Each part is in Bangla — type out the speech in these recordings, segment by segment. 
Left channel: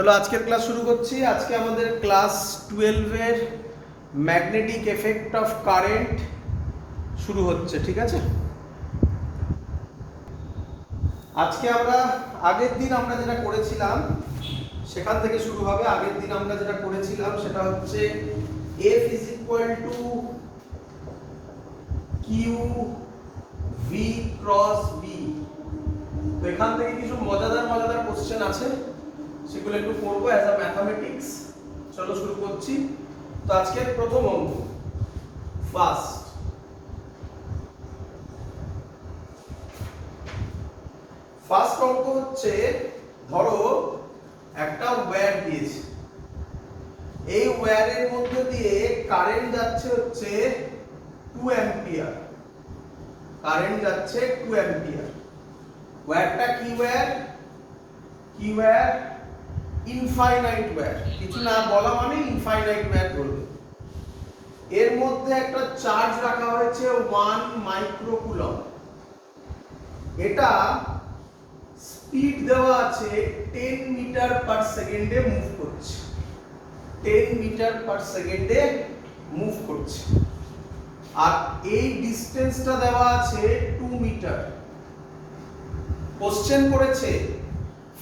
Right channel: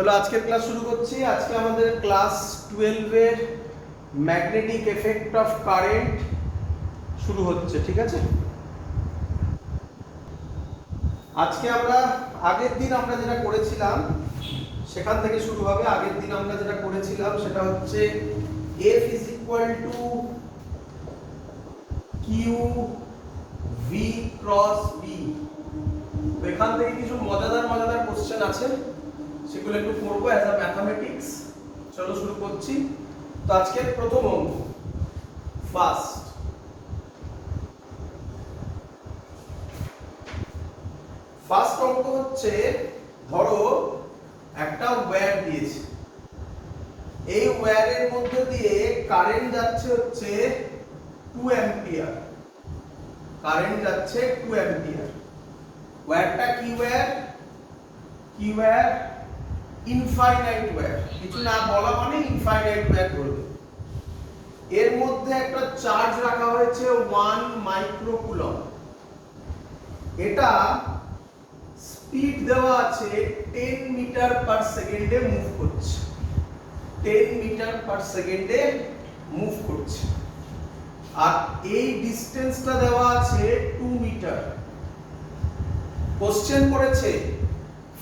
চলো আজকের ক্লাস শুরু করছি। আজকে আমাদের ক্লাস 12 এর ম্যাগনেটিক এফেক্ট অফ কারেন্ট শুরু হচ্ছে, ঠিক আছে? আজকে আমরা আগের দিন আমরা যেটা করেছিলাম সেখান থেকে শুরু হবে। আগের দিন আমরা যেটা করেছিলাম সেটা হচ্ছে F is equal to Q V cross B। তো এখান থেকে কিছু মজাদার কোশ্চেন আছে, সেগুলো একটু করবো অ্যাজ আ ম্যাথমেটিক্স। চলো শুরু করছি। তো আজকের প্রথম অঙ্ক, ফার্স্ট অঙ্ক হচ্ছে, ধরো একটা ওয়্যার দিয়েছে, এই ওয়্যারের মধ্যে দিয়ে কারেন্ট যাচ্ছে হচ্ছে 2 অ্যাম্পিয়ার। কারেন্ট যাচ্ছে 2 অ্যাম্পিয়ার। ওয়্যারটা কি ওয়্যার? Infinite wire. কিছু না বলা মানে ইনফাইনাইট ওয়্যার বলবে। এর মধ্যে একটা চার্জ রাখা হয়েছে 1 মাইক্রোকুলম। এটা স্পিড দেওয়া আছে 10 মিটার পার সেকেন্ডে মুভ করছে। 10 মিটার পার সেকেন্ডে মুভ করছে। আর এই ডিসটেন্সটা দেওয়া আছে 2 মিটার। কোশ্চেন করেছে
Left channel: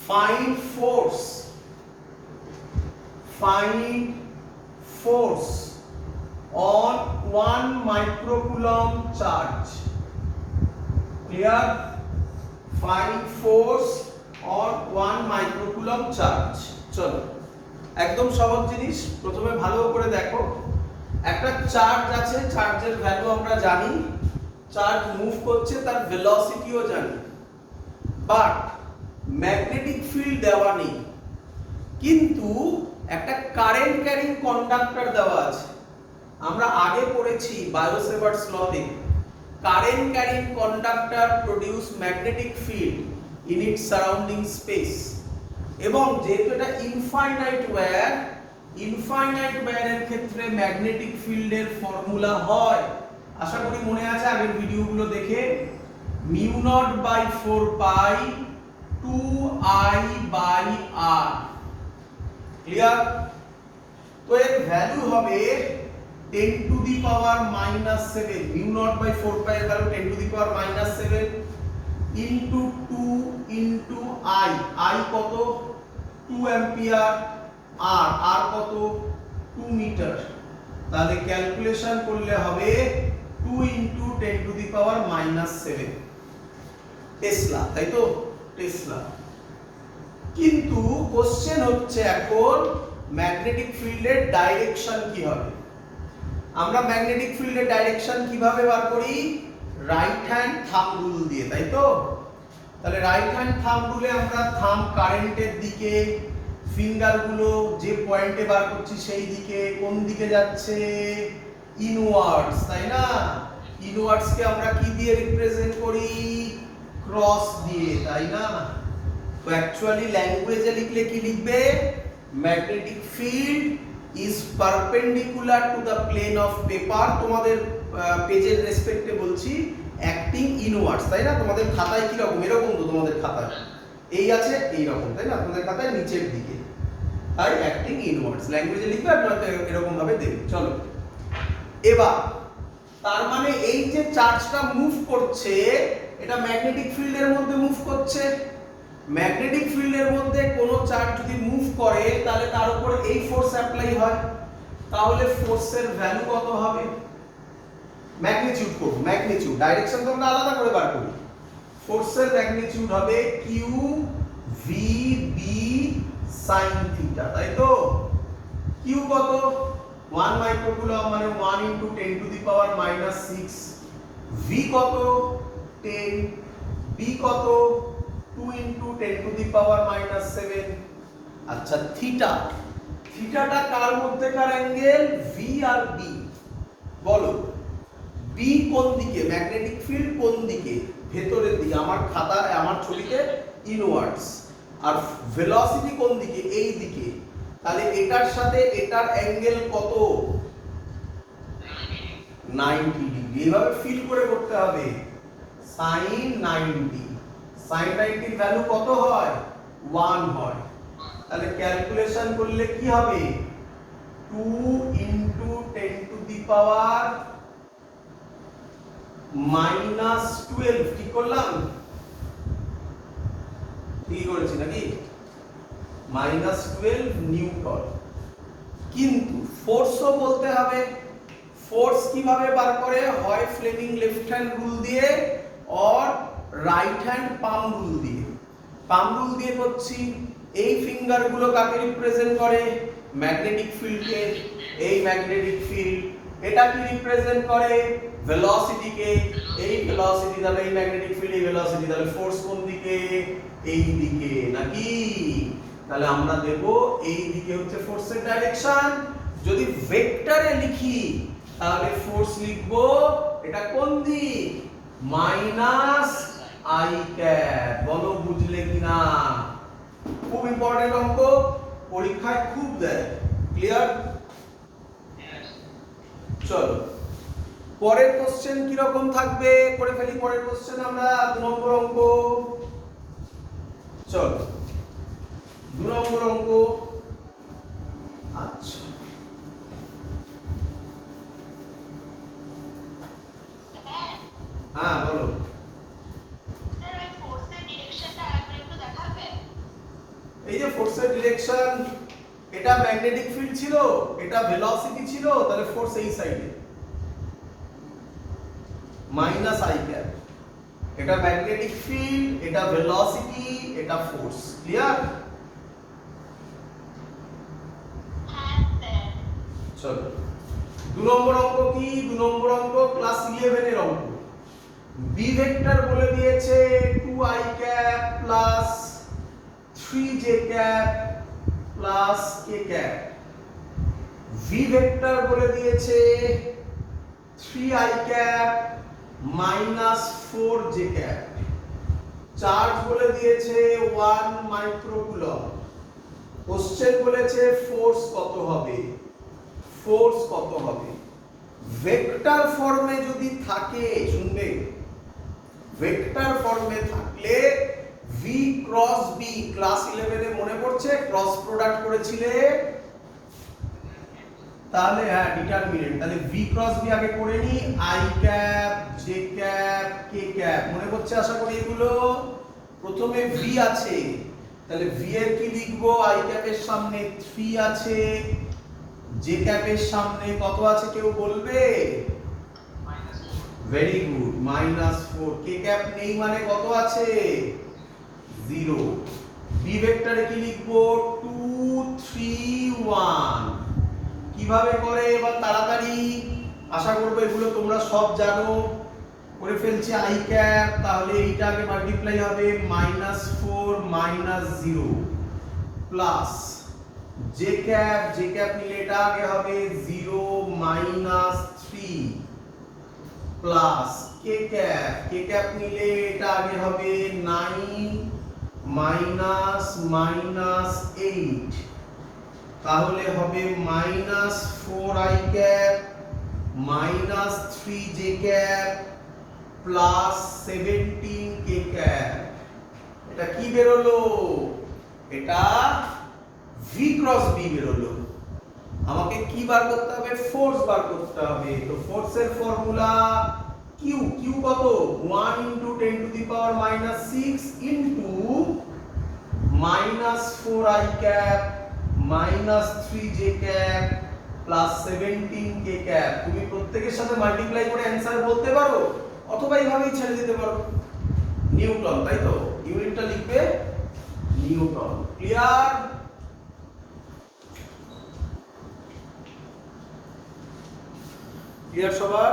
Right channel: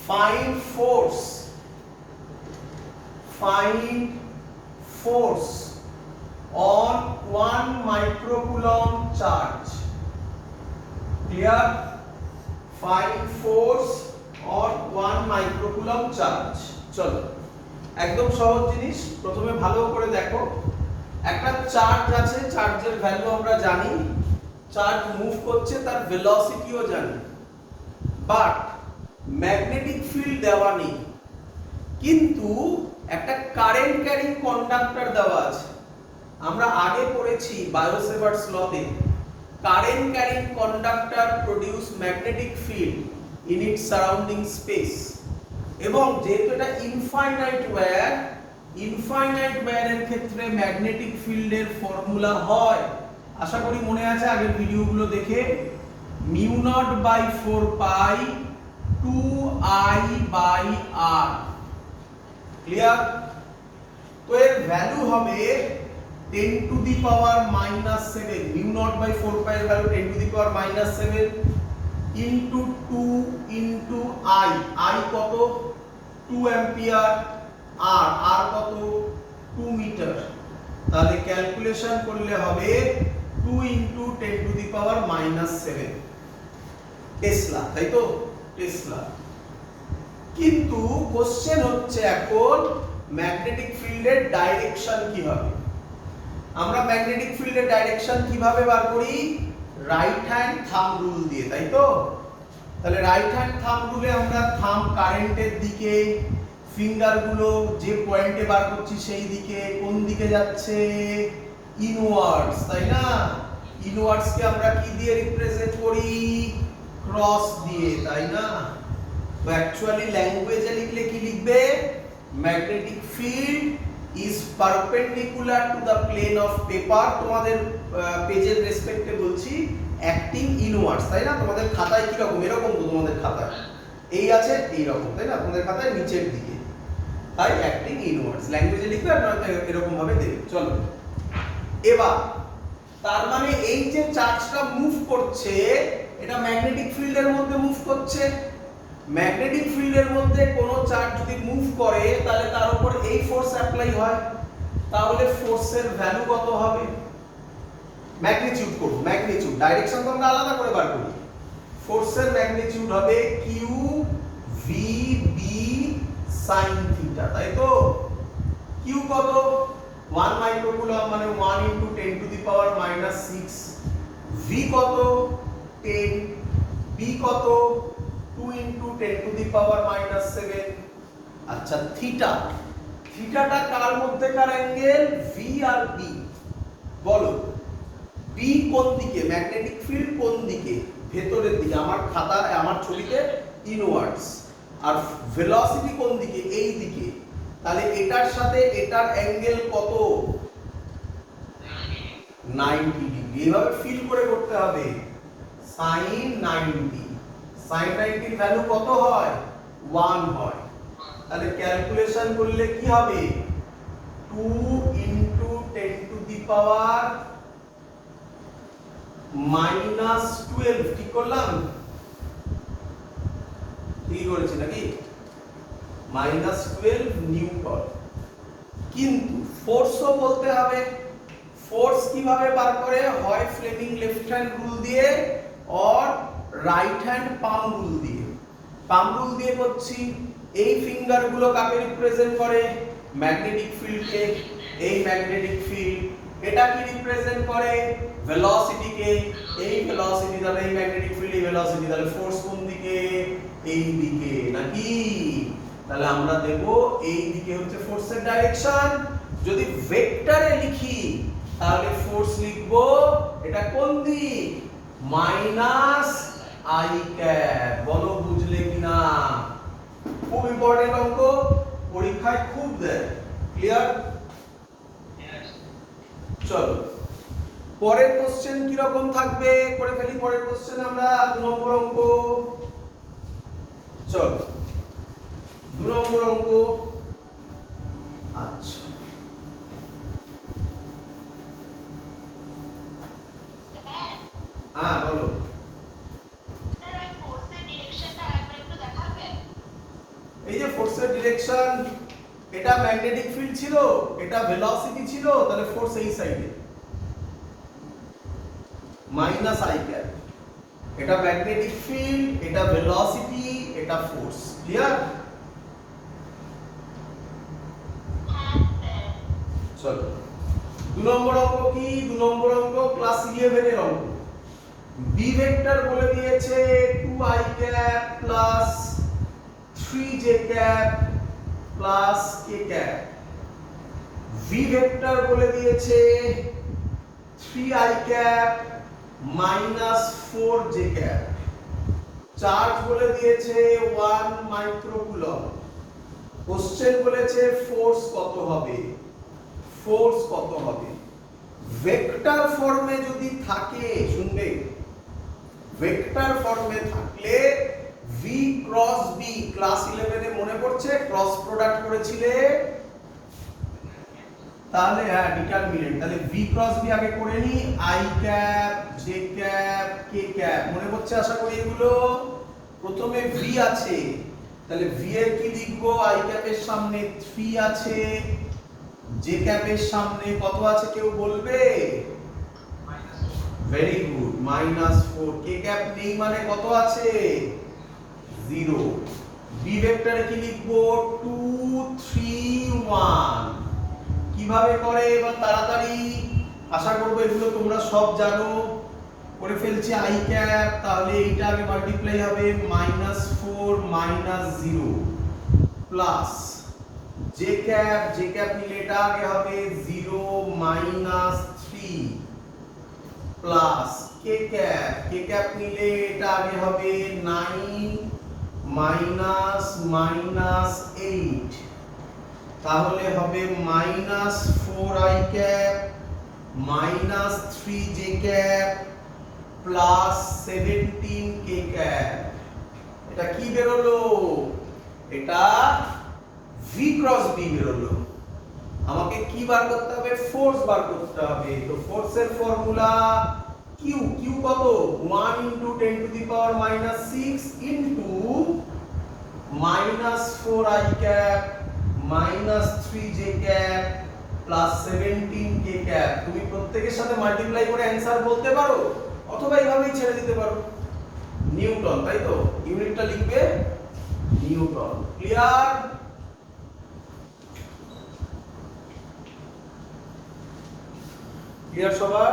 find force on 1 microcoulomb charge. Clear? Find force on 1 microcoulomb charge. চলো একদম সহজ জিনিস। প্রথমে ভালো করে দেখো, একটা চার্জ আছে, চার্জের ভ্যালু আমরা জানি, চার্জ মুভ করছে, তার ভেলোসিটিও জানি, বাট ম্যাগনেটিক ফিল্ড দেওয়া নেই, কিন্তু একটা কারেন্ট ক্যারিং কন্ডাক্টর দেওয়া আছে। আমরা আগে পড়েছি বায়োসেভার্টস লতে, current carrying conductor produce magnetic field in its surrounding space. এবং যেহেতু এটা ইনফাইনাইট ওয়্যারের ক্ষেত্রে ম্যাগনেটিক ফিল্ডের ফর্মুলা হয়, আশা করি মনে আছে আগের ভিডিওগুলো দেখে, μ0/4π 2I/R। ক্লিয়ার? তো এর ভ্যালু হবে 10 টু দি পাওয়ার -7। μ0/4π এর value 10 to the power -7 into 2 into I। I কত? 2 অ্যাম্পিয়ার। আর কত? 2 মিটার। তাহলে ক্যালকুলেশন করলে হবে 2 into 10 to the power -7 Tesla, তাই তো? টেসলা। কিন্তু কোশ্চেন হচ্ছে এখন ম্যাগনেটিক ফিল্ডের ডাইরেকশন কি হবে? আমরা ম্যাগনেটিক ফিল্ডের ডাইরেকশন কিভাবে বার করি? রাইট হ্যান্ড থাম্ব রুল দিয়ে, তাই তো? তাহলে রাইট হ্যান্ড থাম্ব রুলে আমরা থাম্ব কারেন্টের দিকে, ফিঙ্গারগুলো যে পয়েন্টে বার করছি সেই দিকে, কোন দিকে যাচ্ছে? ইনওয়ার্ডস, তাই না? ইনওয়ার্ডস কে আমরা কি দিয়ে রিপ্রেজেন্ট করি? ক্রস দিয়ে, তাই না? তো অ্যাকচুয়ালি ল্যাঙ্গুয়েজে লিখলে কি লিখবে? Magnetic field is perpendicular to the plane of paper। তোমাদের পেজের রেসপেক্টে বলছি, অ্যাক্টিং ইনওয়ার্ডস, তাই না? তোমাদের খাতায় কি রকম? এরকম তো তোমাদের খাতায় এই আছে, এই রকম, তাই না? তোমাদের খাতায় নিচের দিকে, তাই অ্যাক্টিং ইনওয়ার্ডস। ল্যাঙ্গুয়েজে লিখবে আপনারা এরকম ভাবে দেবে। চলো এবার, তার মানে এই যে চার্জটা মুভ করছে, এটা ম্যাগনেটিক ফিল্ডের মধ্যে মুভ করছে। ম্যাগনেটিক ফিল্ডের মধ্যে কোন চার্জ যদি মুভ করে তাহলে তার উপর এই ফোর্স অ্যাপ্লাই হয়। তাহলে ফোর্সের ভ্যালু কত হবে? ম্যাগনিটিউড করব, ম্যাগনিটিউড। ডাইরেকশন তো আমরা আলাদা করে বার করি। ফোর্সের ম্যাগনিটিউড হবে Q V B sin theta, তাই তো? কিউ কত? 1 মাইক্রোকুলম, মানে 1 * 10 টু দি পাওয়ার -6। ভি কত? 10। বি কত? 2 * 10 টু দি পাওয়ার -7। আচ্ছা, থিটাটা কার মধ্যেকার অ্যাঙ্গেল? ভি আর বি। বলো বি কোন দিকে? ম্যাগনেটিক ফিল্ড কোন দিকে? ভেতরের দিকে। আমার খাতায়, আমার ছবিতে ইনওয়ার্ডস। আর ভেলোসিটি কোন দিকে? এই দিকে। তাহলে এটার সাথে এটার অ্যাঙ্গেল কত? 90 ডিগ্রি। এইভাবে ফিল করে করতে হবে। sin 90। sin 90 এর ভ্যালু কত হয়? 1 হয়। তাহলে ক্যালকুলেশন করলে কি হবে 2 ইনটু 10 টু দি পাওয়ার -12 ঠিক করলাম ঠিক করেছি নাকি -12 নিউটন কিন্তু ফোর্সও বলতে হবে ফোর্স কিভাবে বার করে হয় ফ্লেমিং লেফট হ্যান্ড রুল দিয়ে or right hand palm rule দিয়ে করছি এই ফিঙ্গার গুলো কাকে রিপ্রেজেন্ট করে ম্যাগনেটিক ফিল্ডকে এই ম্যাগনেটিক ফিল্ড এটা কি রিপ্রেজেন্ট করে ভেলোসিটি কে এই ভেলোসিটি তাহলে এই ম্যাগনেটিক ফিল্ড এই ভেলোসিটি তাহলে ফোর্স কোন দিকে এই দিকে নাকি তাহলে আমরা দেব এই দিকে হচ্ছে ফোর্সের ডাইরেকশন যদি ভেক্টরে লিখি তাহলে ফোর্স লিখব এটা কোন দিক মাইনাস আই ক্যাপ বলো বুঝলে কিনা খুব ইম্পর্টেন্ট অঙ্ক পরীক্ষায় খুব দেয় ক্লিয়ার চলো পরের কোশ্চেন কি রকম থাকবে করে ফেলি পরের কোশ্চেন আমরা 2 নম্বর অঙ্ক চলো 2 নম্বর অঙ্ক আচ্ছা হ্যাঁ বলো এই যে ফোর্সের ডিরেকশন এটা ম্যাগনেটিক ফিল্ড ছিল এটা ভেলোসিটি ছিল তাহলে ফোর্স এই সাইডে মাইনাস আই ক্যাপ এটা ম্যাগনেটিক ফিল্ড এটা ভেলোসিটি এটা ফোর্স ক্লিয়ার চলো 2 নম্বর অঙ্ক কি 2 নম্বর অঙ্ক ক্লাস 11 এর অঙ্ক বি ভেক্টর বলে দিয়েছে 2i cap plus 3j cap plus k cap V vector বলে দিয়েছে 3i cap minus 4j cap charge বলে দিয়েছে 1 মাইক্রোকুলম কোশ্চেন বলেছে ফোর্স কত হবে ভেক্টর ফর্মে যদি থাকে শুনবে ভেক্টর ফর্মে থাকলে v ক্রস b ক্লাস 11 এ মনে পড়ছে ক্রস প্রোডাক্ট করেছিলে তাহলে হ্যাঁ ডিটারমিনেন্ট তাহলে v ক্রস b আগে করে নি i cap j cap k cap মনে পড়ছে আশা করি এগুলো প্রথমে v আছে তাহলে v এর কি লিখব i ক্যাপের সামনে 3 আছে j ক্যাপের সামনে কত আছে কেউ বলবে ভেরি গুড -4 k ক্যাপ নেই মানে কত আছে 0 বি ভেক্টরে কি লিখব 2 3 1 কিভাবে করে এবার তাড়াতাড়ি আশা করব এগুলো তোমরা সব জানো করে ফেলছি i ক্যাপ তাহলে এইটা আগে মাল্টিপ্লাই হবে -4 -0 প্লাস j ক্যাপ নিলে এটা আগে হবে 0 -3 প্লাস k ক্যাপ নিলে এটা আগে হবে 9 -8 তাহলে হবে -4i cap -3j cap plus 17k cap এটা কি বেরোলো এটা v ক্রস b বেরোলো আমাকে কি বার করতে হবে ফোর্স বার করতে হবে তো ফোর্সের ফর্মুলা q কত 1 * 10 to the power -6 into -4i cap -3j cap plus 17k cap তুমি প্রত্যেকের সাথে মাল্টিপ্লাই করে অ্যানসার বলতে পারো অথবা এইভাবেই ছেড়ে দিতে পারো নিউটন তাই তো ইউনিটটা লিখবে নিউটন ক্লিয়ার সবার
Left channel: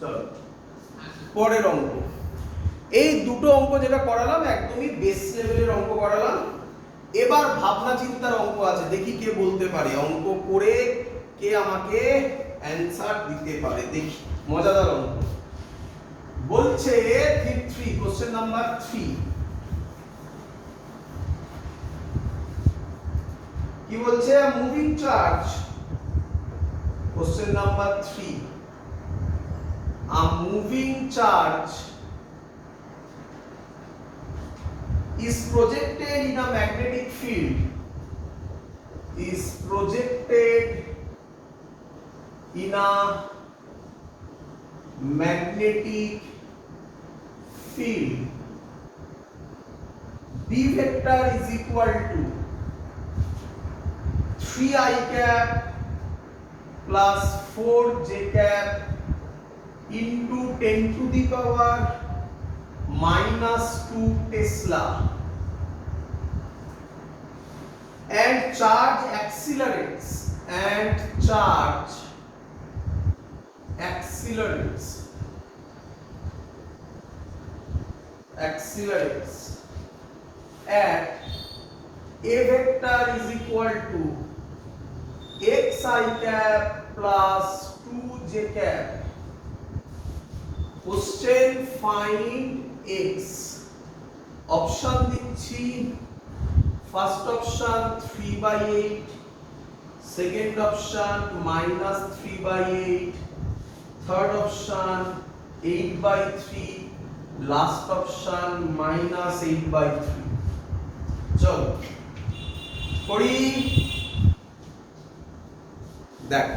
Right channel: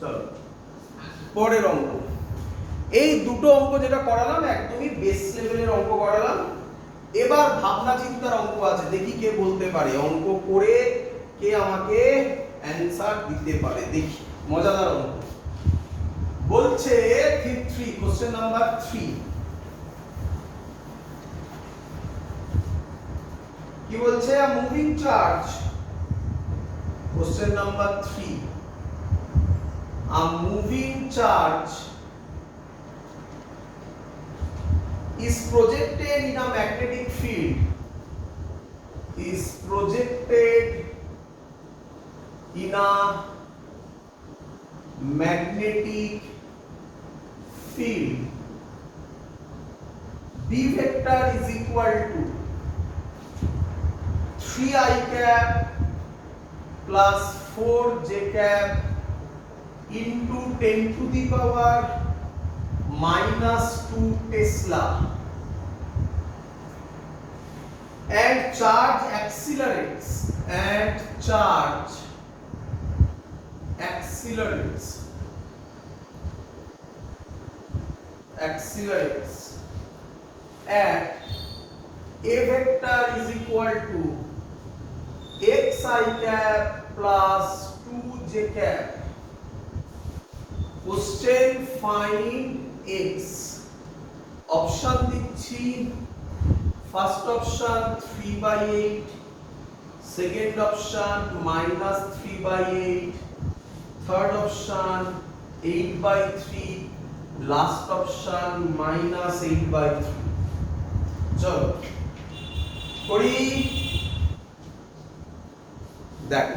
চলো পরের অঙ্ক এই দুটো অঙ্ক যেটা করালাম একদমই বেস লেভেলের অঙ্ক করালাম এবার ভাবনা চিন্তার অঙ্ক আছে দেখি কে বলতে পারে অঙ্ক করে কে আমাকে অ্যানসার দিতে পারে দেখি মজাদার অঙ্ক বলছে 3 কোশ্চেন নাম্বার 3 কি বলছে moving charge question number 3 a moving charge is projected in a magnetic field is projected in a magnetic field, B vector is equal to 3i cap plus 4j cap into 10 to the power minus 2 Tesla, and charge accelerates, at A vector is equal to xi cap plus 2j cap. Question, find x. Option দিচ্ছি, first option 3/8, second option -3/8, third option 8/3, last option -8/3. চলো করি। দেখ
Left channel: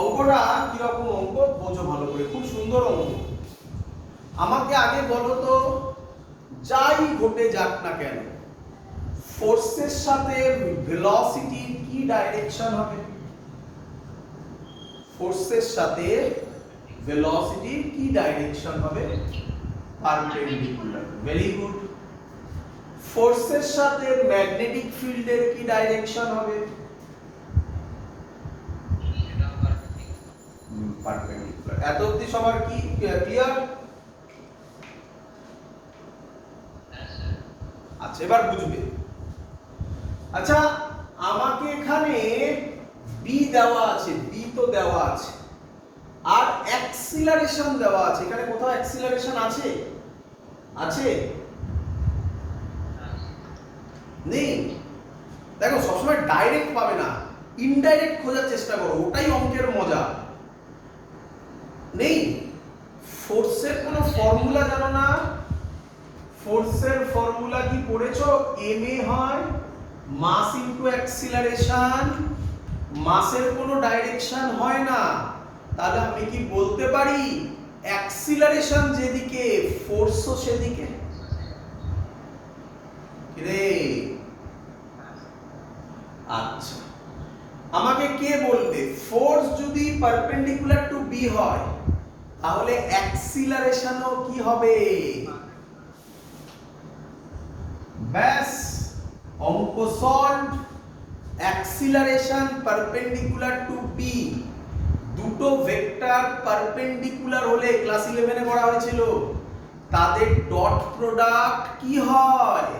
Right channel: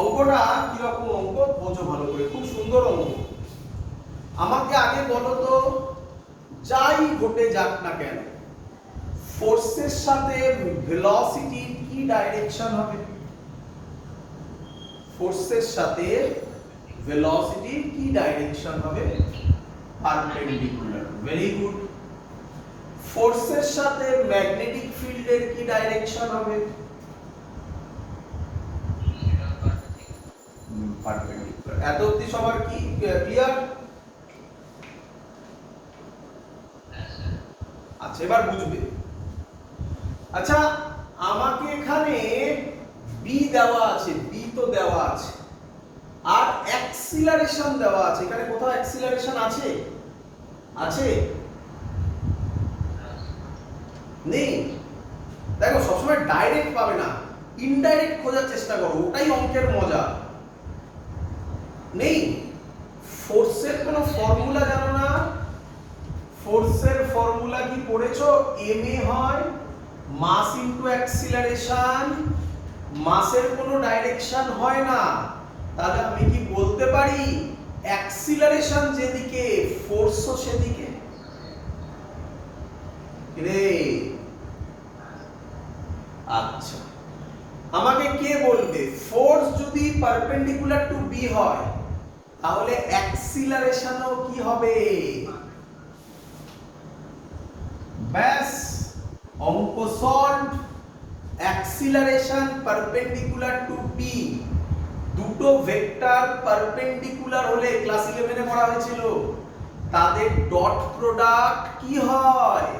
অঙ্কটা কিরকম অঙ্ক বোঝো ভালো করে, খুব সুন্দর অঙ্ক। আমাকে আগে বলো তো, যাই ঘটে যাক না কেন, ফোর্সের সাথে ভেলোসিটির কি ডাইরেকশন হবে? ফোর্সের সাথে ভেলোসিটির কি ডাইরেকশন হবে? পারপেন্ডিকুলার। Very good. ফোর্সের সাথে ম্যাগনেটিক ফিল্ডের কি ডাইরেকশন হবে? পারপেন্ডিকুলার। এত অবধি সবার কি ক্লিয়ার? আচ্ছা, এবার বুঝবে। আচ্ছা, আমাকে এখানে বি দেওয়া আছে, বি তো দেওয়া আছে, আর অ্যাক্সিলারেশন দেওয়া আছে। এখানে কোথাও অ্যাক্সিলারেশন আছে? আছে? নেই। দেখো, সবসময় ডাইরেক্ট পাবে না, ইনডাইরেক্ট খোঁজার চেষ্টা করো, ওটাই অঙ্কের মজা। নেই। ফোর্সের কোনো ফর্মুলা জানো না? ফোর্সের ফর্মুলা কি পড়েছো? ma হয় মাস ইনটু অ্যাক্সিলারেশন। মাসের কোনো ডাইরেকশন হয় না, তাহলে আমি কি বলতে পারি অ্যাক্সিলারেশন যেদিকে ফোর্সও সেদিকে? রে আচ্ছা, আমাকে কে বলবে ফোর্স যদি পারপেন্ডিকুলার টু বি হয় তাহলে অ্যাক্সিলারেশনও কি হবে? ব্যাস, অঙ্ক solve. Acceleration perpendicular to B, দুটো ভেক্টর পারপেন্ডিকুলার হলে, ক্লাস 11 এ পড়া হয়েছিল, তাদের ডট প্রোডাক্ট কি হয়?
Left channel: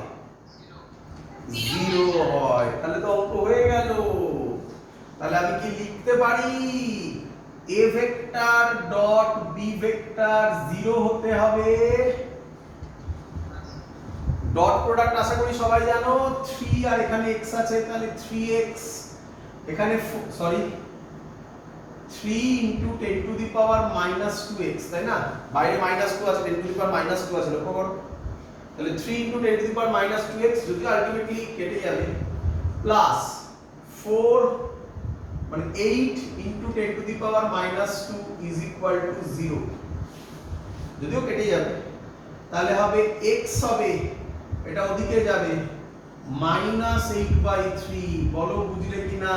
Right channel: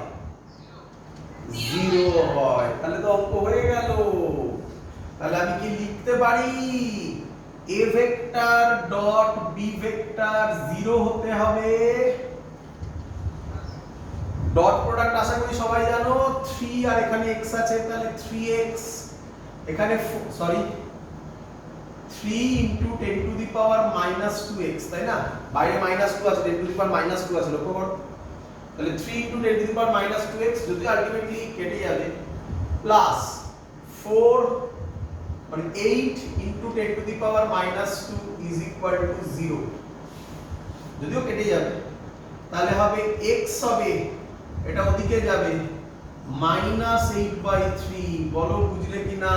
0 হয়। তাহলে তো অঙ্ক হয়ে গেল। তাহলে আমি কি লিখতে পারি? a vector dot b vector 0 হতে হবে। ডট প্রোডাক্ট আশা করি সবাই জানো, 3 আর এখানে x আছে, তাহলে 3x, এখানে sorry 3 into 10 to the power minus 2x, তাই না? বাইরে -2 আছে, 10 to the power -2 আছে, লক্ষ্য করো। তাহলে 3 into 10 to the power minus 2x যদি আলটিমেটলি কেটে যাবে, প্লাস 4 মানে 8 into 10 to the power minus 2 is equal to 0, যদিও কেটে যাবে, তাহলে হবে x হবে, এটা ওদিকে যাবে, -8/3। বলো বুঝলে কি না?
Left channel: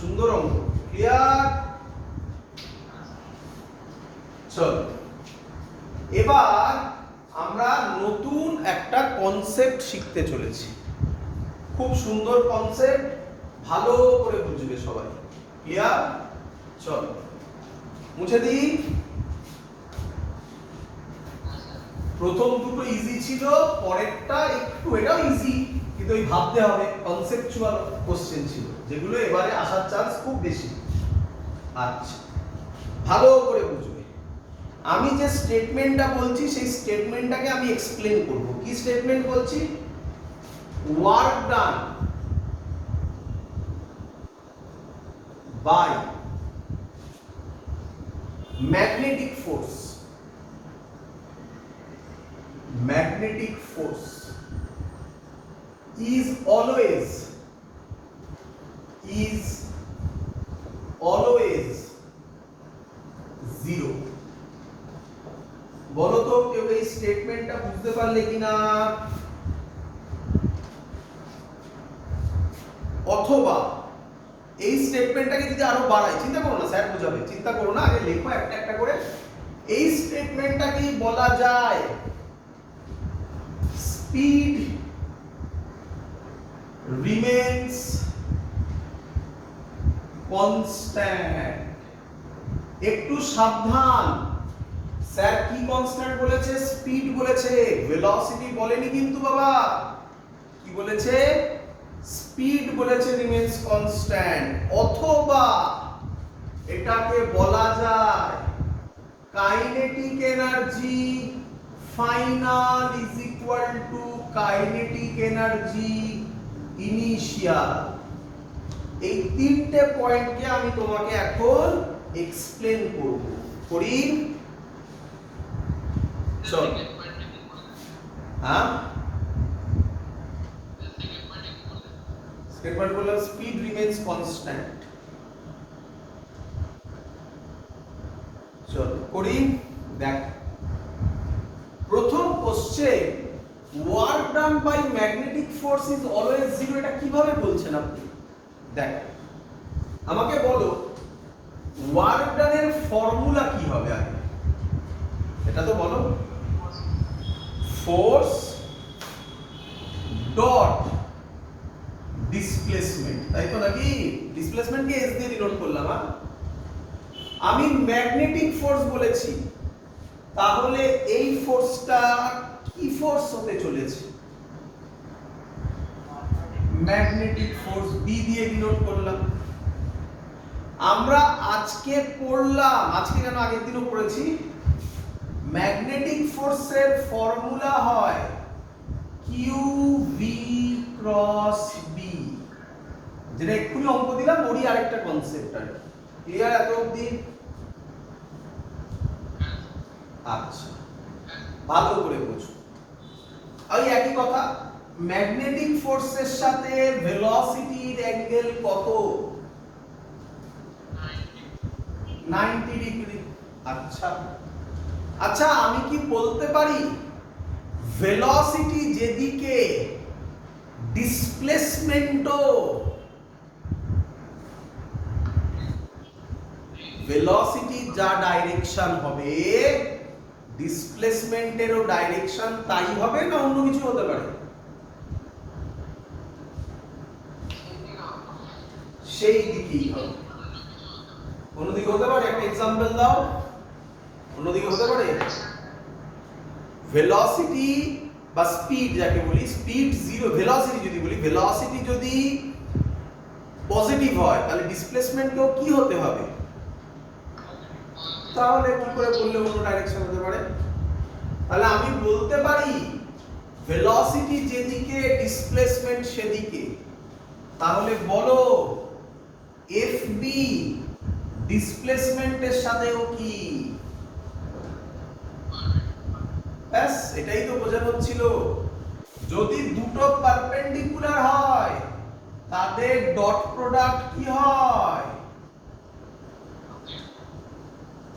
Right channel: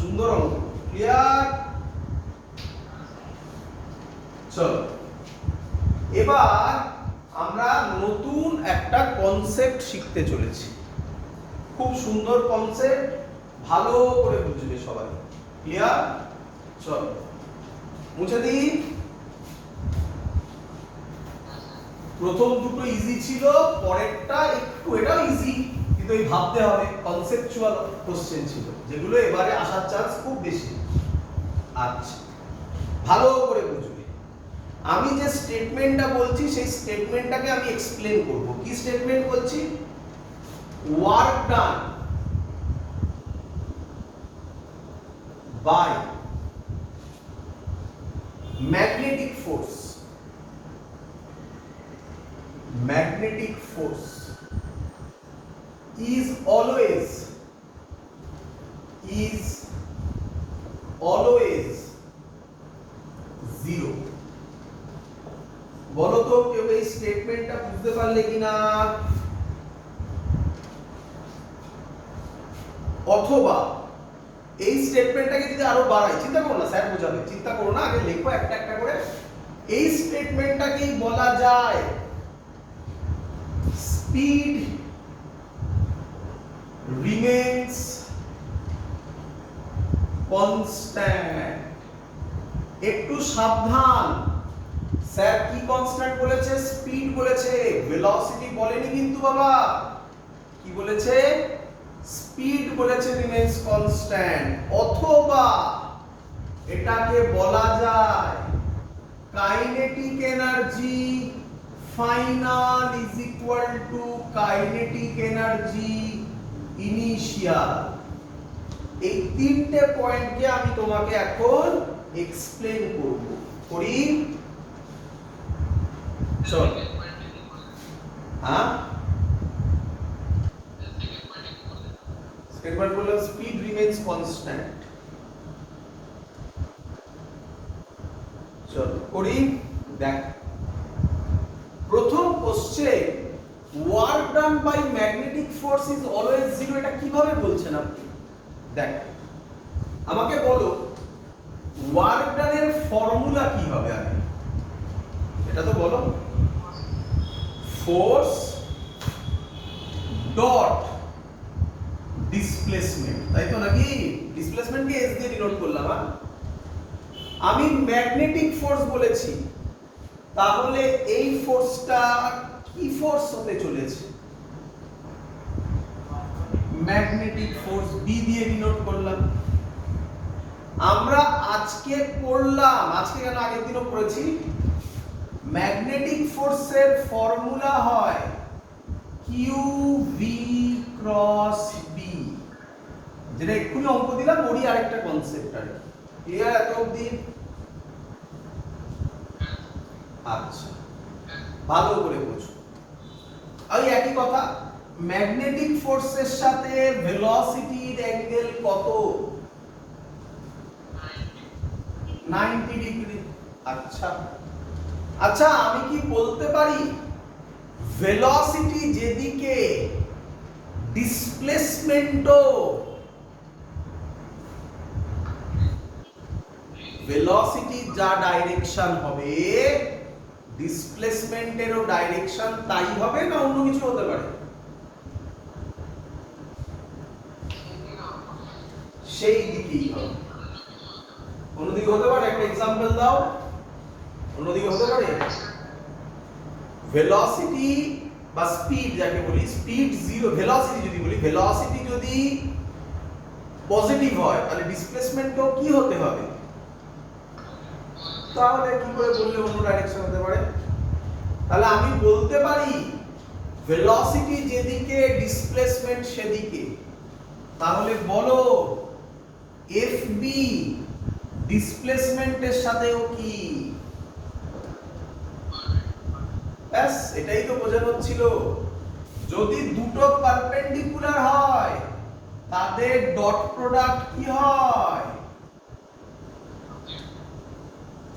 সুন্দর অঙ্ক, ক্লিয়ার? চলো এবার আমরা নতুন একটা কনসেপ্ট শিখতে চলেছি। খুব সুন্দর কনসেপ্ট, ভালো করে বুঝবে সবাই। ক্লিয়ার? চলো মুছে দিই। প্রথম দুটো ইজি ছিল, পরেরটা একটু, এটাও ইজি কিন্তু এই ভাবতে হবে, কনসেপচুয়াল কোশ্চেন ছিল, যেগুলো এবারে আসার চান্স খুব বেশি। আচ্ছা, ভালো করে বুঝবে। আমি যে স্টেটমেন্টটা বলছি সেই স্টেটমেন্টটাকে আমি এক্সপ্লেন করব। কি স্টেটমেন্ট বলছি? Work done by magnetic force, magnetic force is always is always 0। বলো তো কেউ এই স্টেটমেন্টটা বুঝতে পারলে কিনা? অথবা এই স্টেটমেন্টটাকে যদি আরো বাড়াই, চিন্তা করো না, স্যার বোঝাবে, চিন্তা করো না, আগে লেখো একটা একটা করে। এই স্টেটমেন্টটাকেই বলা যায় স্পিড রিমেইনস কনস্ট্যান্ট। একটু সাবধান, স্যার কি কনস্ট্যান্ট বলেছে? স্পিড বলেছে, ভেলোসিটি বলেনি কিন্তু বাবা। কি বলেছে? স্পিড বলেছে রিমেইনস কনস্ট্যান্ট। অথবা এটাকে বলা যায় kinetic energy final is equal two kinetic energy initial. এই তিনটে পয়েন্টকে আমি তোমাকে এখন এক্সপ্লেন করব। করি? চল। হ্যাঁ, সেকেন্ড পয়েন্ট হলো স্পিড রিমেইনস কনস্ট্যান্ট। চল করি। দেখ, প্রথম question, work done by magnetic force is always 0, এটা কিভাবে বলছেন আপনি? দেখ, আমাকে বলো ওয়ার্ক ডানের ফর্মুলা কি হবে আগে, এটা তো বলো। ফোর্স ডট ডিসপ্লেসমেন্ট, তাই তো নাকি? ডিসপ্লেসমেন্টকে এস দিয়ে ডিনোট করলাম। আমি ম্যাগনেটিক ফোর্স বলেছি, তাহলে এই ফোর্সটা কি ফোর্স হতে চলেছে? ম্যাগনেটিক ফোর্স, বি দিয়ে ডিনোট করলাম। আমরা আজকে পড়লাম, আজকে কেন আগের দিনও পড়েছি, ম্যাগনেটিক ফোর্সের ফর্মুলা হয় কিউ ভি ক্রস বি, যেটা এক্ষুনি অঙ্ক দিলাম, ওরই আরেকটা কনসেপ্ট আর কি। ক্লিয়ার এত অবধি? আচ্ছা, ভালো করে বুঝো। আর একই কথা, ম্যাগনেটিক ফোর্সের সাথে ভেলোসিটির অ্যাঙ্গেল কত? 90 ডিগ্রি। আচ্ছা আচ্ছা, আমি কি বলতে পারি ভেলোসিটি যেদিকে ডিসপ্লেসমেন্টও, ভেলোসিটি যা ডাইরেকশন হবে ডিসপ্লেসমেন্টেরও ডাইরেকশন তাই হবে, না অন্য কিছু হতে পারে? সেই দিকেই হবে। অন্যদিকে হতে পারে? একটা এক্সাম্পল দাও। অন্যদিকে হতে পারে? ভেলোসিটি বা স্পিড যাকে বলি, স্পিড 0, ভেলোসিটি যদি বলি, ভেলোসিটি যদি পজিটিভ হয় তাহলে ডিসপ্লেসমেন্টও কি হতে হবে? তাহলে কি করে বললে অন্য ডাইরেকশন হতে পারে? তাহলে আমি বলতে পারি ভেলোসিটি যেদিকে ডিসপ্লেসমেন্ট সেদিকে। তাহলে বলো এফবি ডিসপ্লেসমেন্টের সাথেও কি? ব্যাস, এটাই তো বোঝানো ছিল। যদি দুটো পারপেন্ডিকুলার হয় তাদের ডট প্রোডাক্ট কি হয়?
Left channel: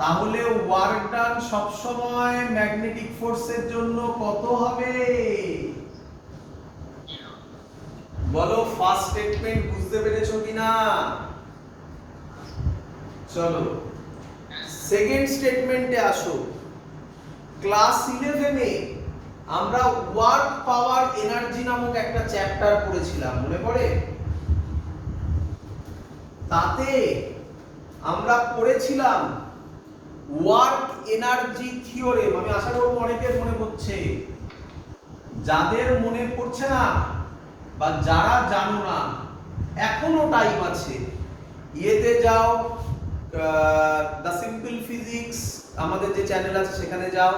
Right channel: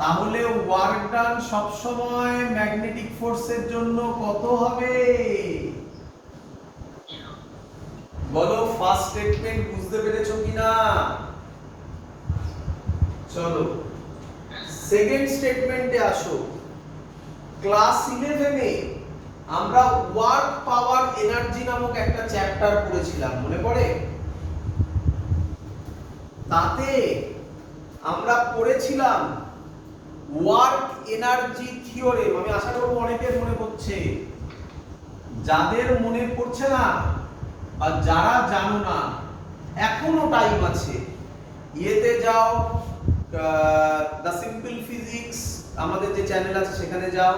তাহলে ওয়ার্ক ডান সব সময় ম্যাগনেটিক ফোর্সের জন্য কত হবে? বলো, ফার্স্ট স্টেটমেন্ট বুঝতে পেরেছো কিনা? চলো সেকেন্ড স্টেটমেন্টে আসো। ক্লাস 11 এ আমরা ওয়ার্ক পাওয়ার এনার্জি নামক একটা চ্যাপ্টার পড়েছিলাম, মনে পড়ে? তাতে আমরা পড়েছিলাম ওয়ার্ক এনার্জি থিওরেম। আমি আশা করব অনেকের মনে পড়ছে। যাদের মনে পড়ছে না বা যারা জানো না, এখনো টাইম আছে, ইয়েতে যাও, দ্য সিম্পল ফিজিক্স আমাদের যে চ্যানেল আছে সেখানে যাও,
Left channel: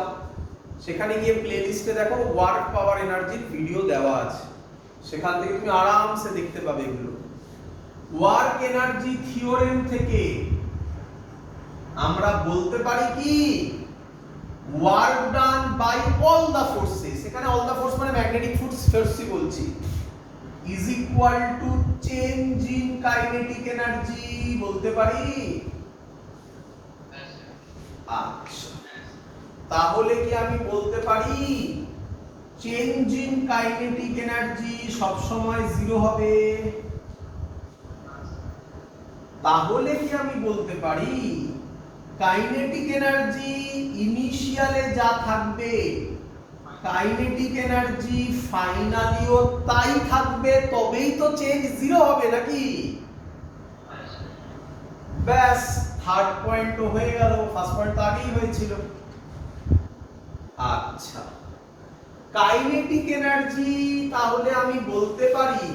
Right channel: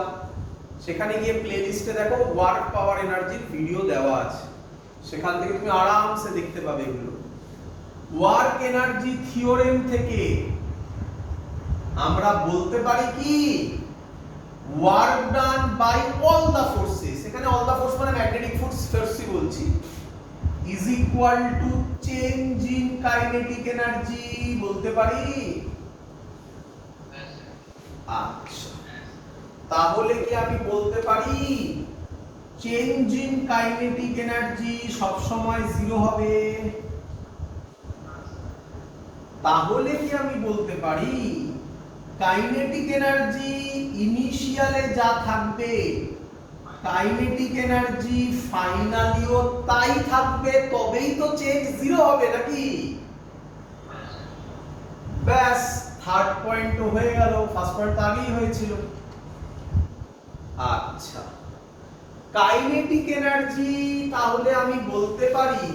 সেখানে গিয়ে প্লেলিস্টে দেখো ওয়ার্ক পাওয়ার এনার্জির ভিডিও দেওয়া আছে, সেখান থেকে তুমি আরামসে দেখতে পাবে এগুলো। ওয়ার্ক এনার্জি থিওরেম থেকে আমরা বলতে পারি কি, work done by all the forces, এখানে অল দা ফোর্স মানে ম্যাগনেটিক ফোর্সই বলছি, is equal to change in kinetic energy বলতে পারি? আচ্ছা, তাহলে কি আমি বলতে পারি চেঞ্জ ইন কাইনেটিক এনার্জি সব সময় 0 হবে? তাহলে কি আমি বলতে পারি কাইনেটিক এনার্জি ইনিশিয়ালে যা থাকবে কাইনেটিক এনার্জি ফাইনালিও তাই থাকবে, তবেই তো চেঞ্জ 0 হবে নাকি? ব্যাস, থার্ড পয়েন্ট হয়ে গেল, ফার্স্ট পয়েন্ট তো আগেই হয়েছিল। আচ্ছা, কাইনেটিক এনার্জি তাহলে আমি বলতে পারি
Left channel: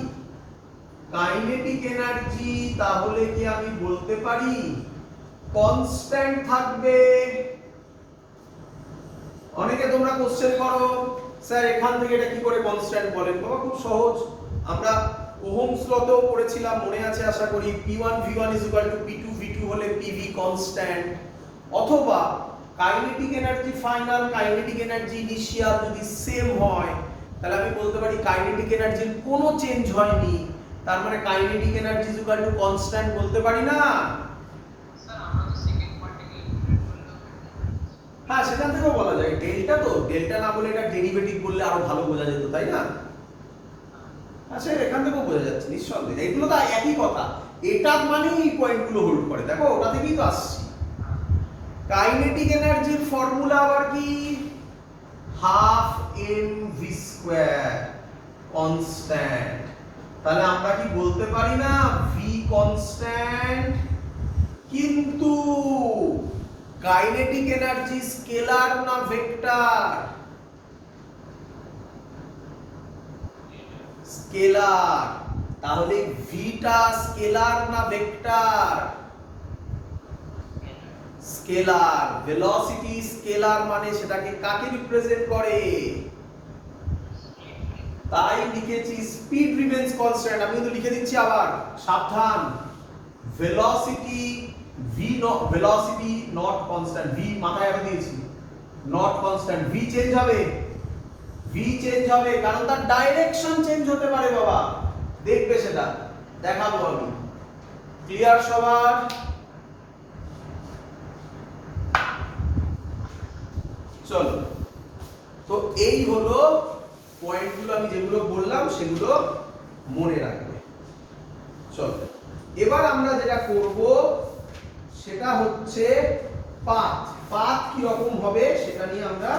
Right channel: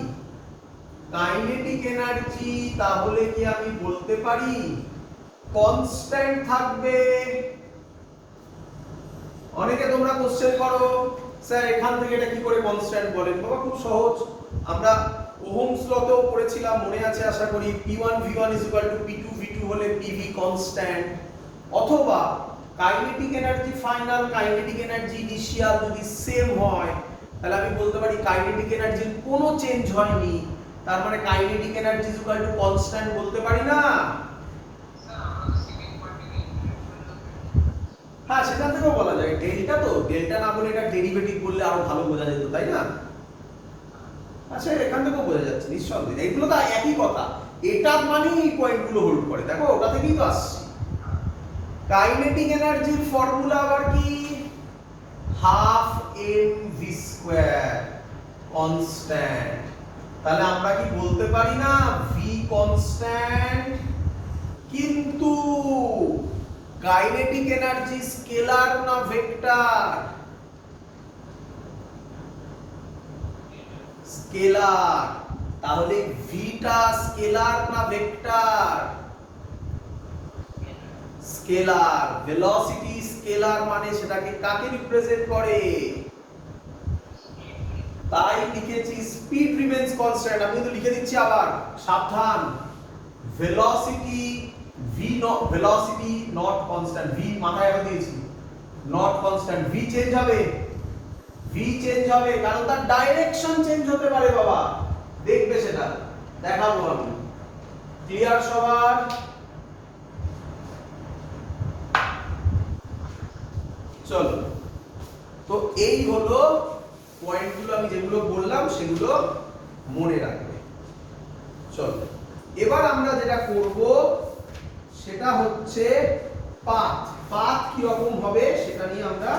কাইনেটিক এনার্জি তাহলে কি আমি বলতে পারি কনস্ট্যান্ট থাকবে? অনেকে তোমরা কোশ্চেন করো স্যার এখান থেকে এটা কি করে কনস্ট্যান্ট বলেন? বাবা খুব সহজ, আমরা ওহমস লতেও পড়েছিলাম, মনে আছে আশা করি, P1 V1 P2 V2 হলে PV কনস্ট্যান্ট। অথবা kinetic energy final kinetic energy initial যদি সেম হয় তাহলে আমি বলতে পারি কাইনেটিক এনার্জির কোনো চেঞ্জ হয়নি, তার মানে কাইনেটিক এনার্জি কনস্ট্যান্ট বলতে পারি না? হ্যাঁ, সেখান থেকেও বলা যায় ডেল্টা, তো ডেল্টা না বলে এটা ডেরিভেটিভ বললে আরো ভালো বোঝা যেত, তাই না? আচ্ছা, এখান থেকেও বোঝা যাচ্ছে নিঃসন্দেহে, এগুলো তো একই কথা, এটা মানেই এই পয়েন্টগুলো হোল্ড করে। দেখো ওটা থেকেই তো আসছে। কাইনেটিক এনার্জির ফর্মুলা আবার কি? Half mv square constant. তাহলে আমরা কি বলতে পারি না v কনস্ট্যান্ট? কিন্তু কাইনেটিক এনার্জি স্কেলার না ভেক্টর? স্কেলার। তাহলে ভিটা স্কেলার না ভেক্টর? স্কেলার। ভেলোসিটি স্কেলার মানে সেটাকে কাকে রিপ্রেজেন্ট করে? তাই লিখেছি স্পিড রিমেইনস কনস্ট্যান্ট। আমি তো লিখে দিচ্ছি আবার, সাবধান, velocity velocity not constant, V মাথায় রেখে দিয়েছি, নট কনস্ট্যান্ট। ভি চেঞ্জ হবে, ভি চেঞ্জ হবে, কারণ তার ডাইরেকশন চেঞ্জ হতে পারে বাবা, দেখবে সেটা দেখাবো আমি। ক্লিয়ার সবার? চলো, তো এই হলো পয়েন্টগুলো, আমি যেগুলো বললাম সেগুলো মনে রাখবে। চলো, এবার আমরা যেটা করব সেটা হচ্ছে পাথ। পাথ কি রকম হবে সেটা নিয়ে আমরা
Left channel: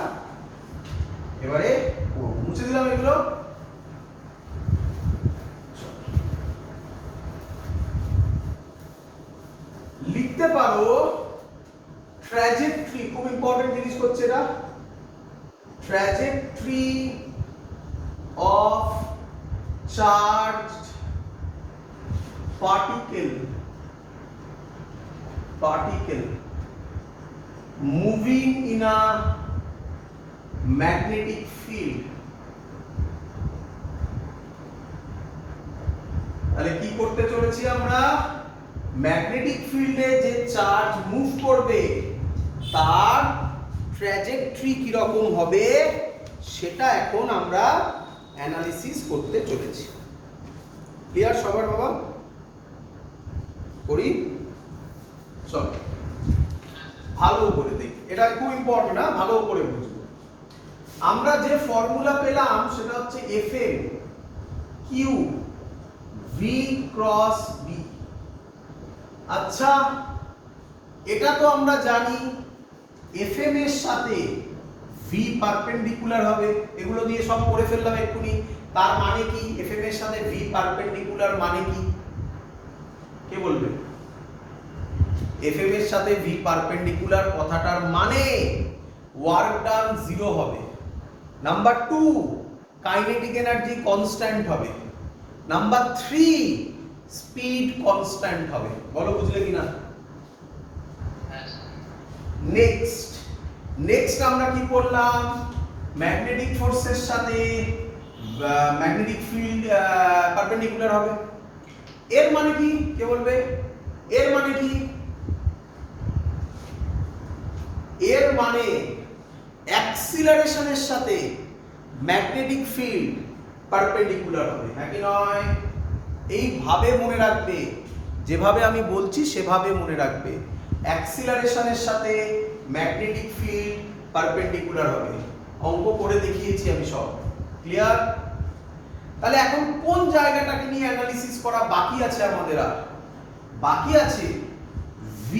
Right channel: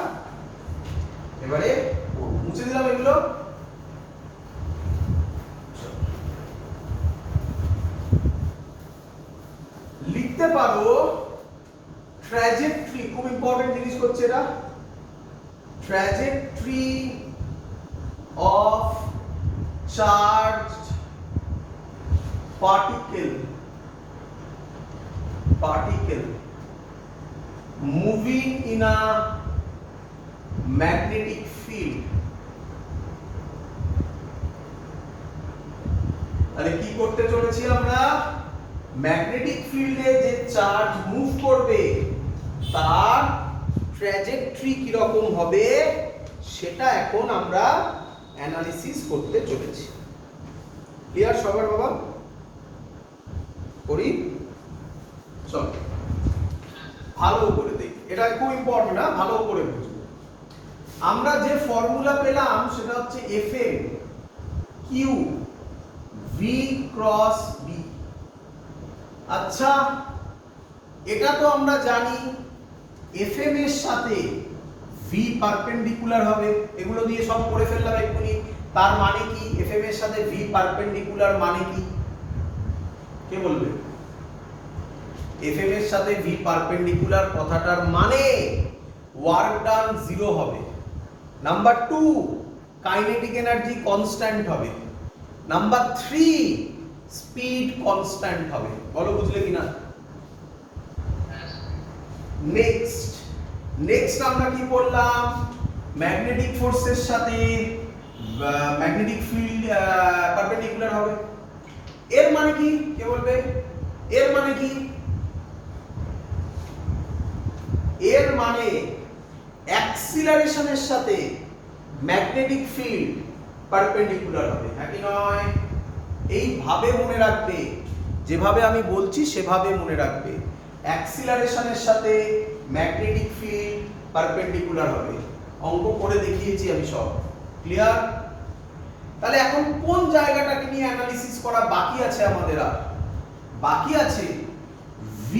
এবারে মুছে দিলাম এগুলো। লিখতে পারো ট্র্যাজেক্টরি, খুব ইম্পর্টেন্ট জিনিস হচ্ছে এটা, trajectory of charged particle moving in a magnetic field। তাহলে কি করতে চলেছি আমরা? ম্যাগনেটিক ফিল্ডে যে চার্জ মুভ করবে তার ট্র্যাজেক্টরি কি রকম হবে সেটা এখন আমরা অ্যানালিসিস করতে চলেছি। ক্লিয়ার সবার বাবা? করি, চল ভালো করে দেখি, এটা খুব ইম্পর্টেন্ট না, ভালো করে বুঝবো। আমরা যে ফর্মুলা পেলাম সেটা হচ্ছে Fm Q V cross B। আচ্ছা, এটা তো আমরা জানি Fm এর সাথে V পারপেন্ডিকুলার হবে, এগুলো দিয়ে সব করে ফেললাম এক্ষুনি। তার মানে কি Fm এর সাথে V পারপেন্ডিকুলার মানে কি? কে বলবে? Fm এর সাথে V পারপেন্ডিকুলার কথাটার মানে ওয়ার্ক ডান 0 হবে। নাম্বার 2, কাইনেটিক এনার্জি কনস্ট্যান্ট হবে। নাম্বার 3, স্পিড কনস্ট্যান্ট হবে। বলো বুঝলে কিনা? নেক্সট আমরা কি করলাম? ম্যাগনেটিক ফোর্সের সাথে ম্যাগনেটিক ফিল্ড পারপেন্ডিকুলার হবে। এর মানে কি? কে বলবে? এর মানে কি? এর মানে অ্যাক্সিলারেশনের সাথে ম্যাগনেটিক ফিল্ড পারপেন্ডিকুলার হবে, নাকি নয়? এইভাবে মনে রাখবে, যেভাবে আমি বলছি সেভাবে মনে রাখবে। অ্যাক্সিলারেশনের সাথে ম্যাগনেটিক ফিল্ড পারপেন্ডিকুলার হবে। অঙ্ক করে দেখিয়েছি আমি সব। ক্লিয়ার? তাহলে এখন কোন জায়গাটাকে নিয়ে অ্যানালিসিস করা বাকি আছে আমাদের? আর বাকি আছে V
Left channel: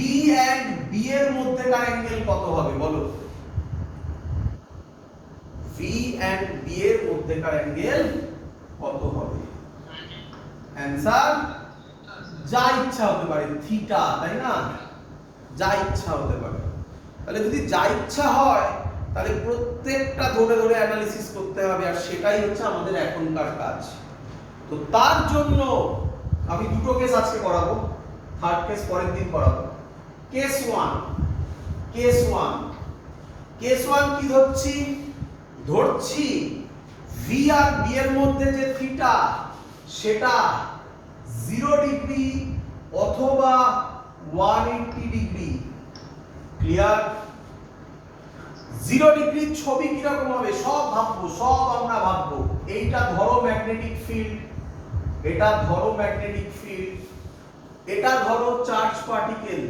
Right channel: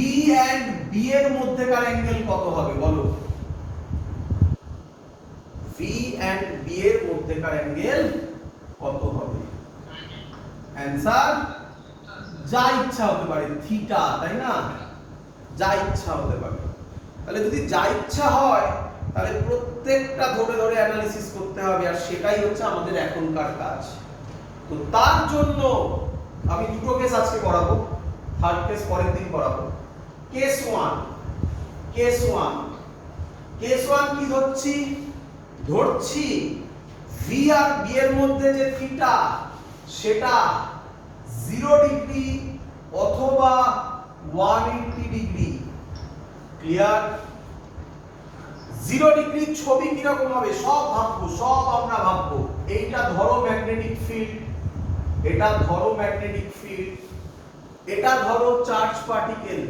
and B এর মধ্যেকার অ্যাঙ্গেল কত হবে বলো? V and B এর মধ্যেকার অ্যাঙ্গেল কত হবে? অ্যানসার যা ইচ্ছা হতে পারে, থিটা, তাই না? যা ইচ্ছা হতে পারে। তাহলে যদি যা ইচ্ছা হয় তাহলে প্রত্যেকটা ধরে ধরে অ্যানালিসিস করতে হবে, আর সেটাই হচ্ছে আমাদের এখনকার কাজ। তো তার জন্য আমি দুটো কেস আজকে করাবো, থার্ড কেস পরের দিন করাবো। কেস 1 কি ধরছি V আর B এর মধ্যে যে থিটা সেটা 0 ডিগ্রি অথবা 180 ডিগ্রি। ক্লিয়ার? 0 ডিগ্রির ছবি কি রকম হবে সব আমরা ভাববো। এইটা ধরো ম্যাগনেটিক ফিল্ড, এটা ধরো ম্যাগনেটিক ফিল্ড, এটা ধরো চার্জ পার্টিকেল।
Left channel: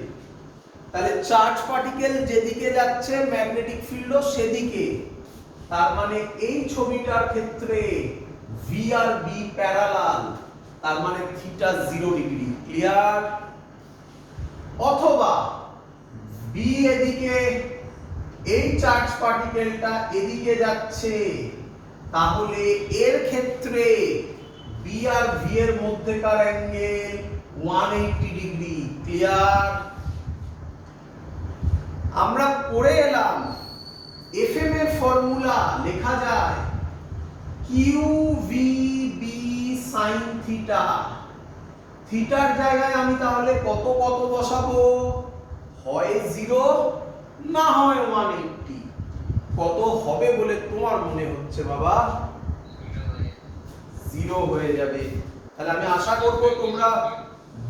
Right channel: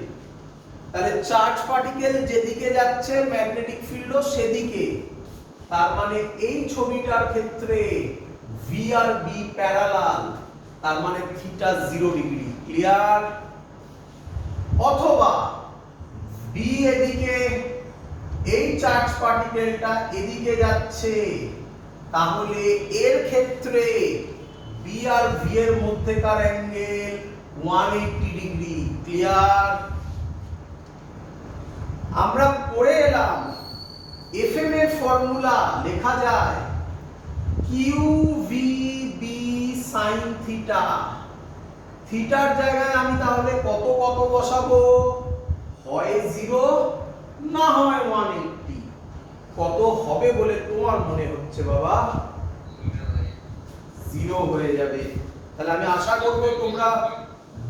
তাহলে চার্জ পার্টিকেল যেদিকে যাচ্ছে ম্যাগনেটিক ফিল্ডও সেদিকে। তার মানে এই ছবিটার ক্ষেত্রে V আর B প্যারালাল, তার মানে থিটা 0 ডিগ্রি। ক্লিয়ার? অথবা B এদিকে, এই চার্জ পার্টিকেলটা এদিকে যাচ্ছে, তাহলে এর ক্ষেত্রে B আর V এর মধ্যেকার অ্যাঙ্গেল 180 ডিগ্রি। ক্লিয়ার? আমরা পড়ে এলাম FM এর ফর্মুলা লেখা যায় QVB sin থিটা। থিটার জায়গায় আমি তাহলে কত বসাবো? হয় 0 না হয় 180। কত হবে বলে তোমার মনে হচ্ছে বাবা? 0 হয়ে যাবে। তাহলে আমি আশা করব তোমরা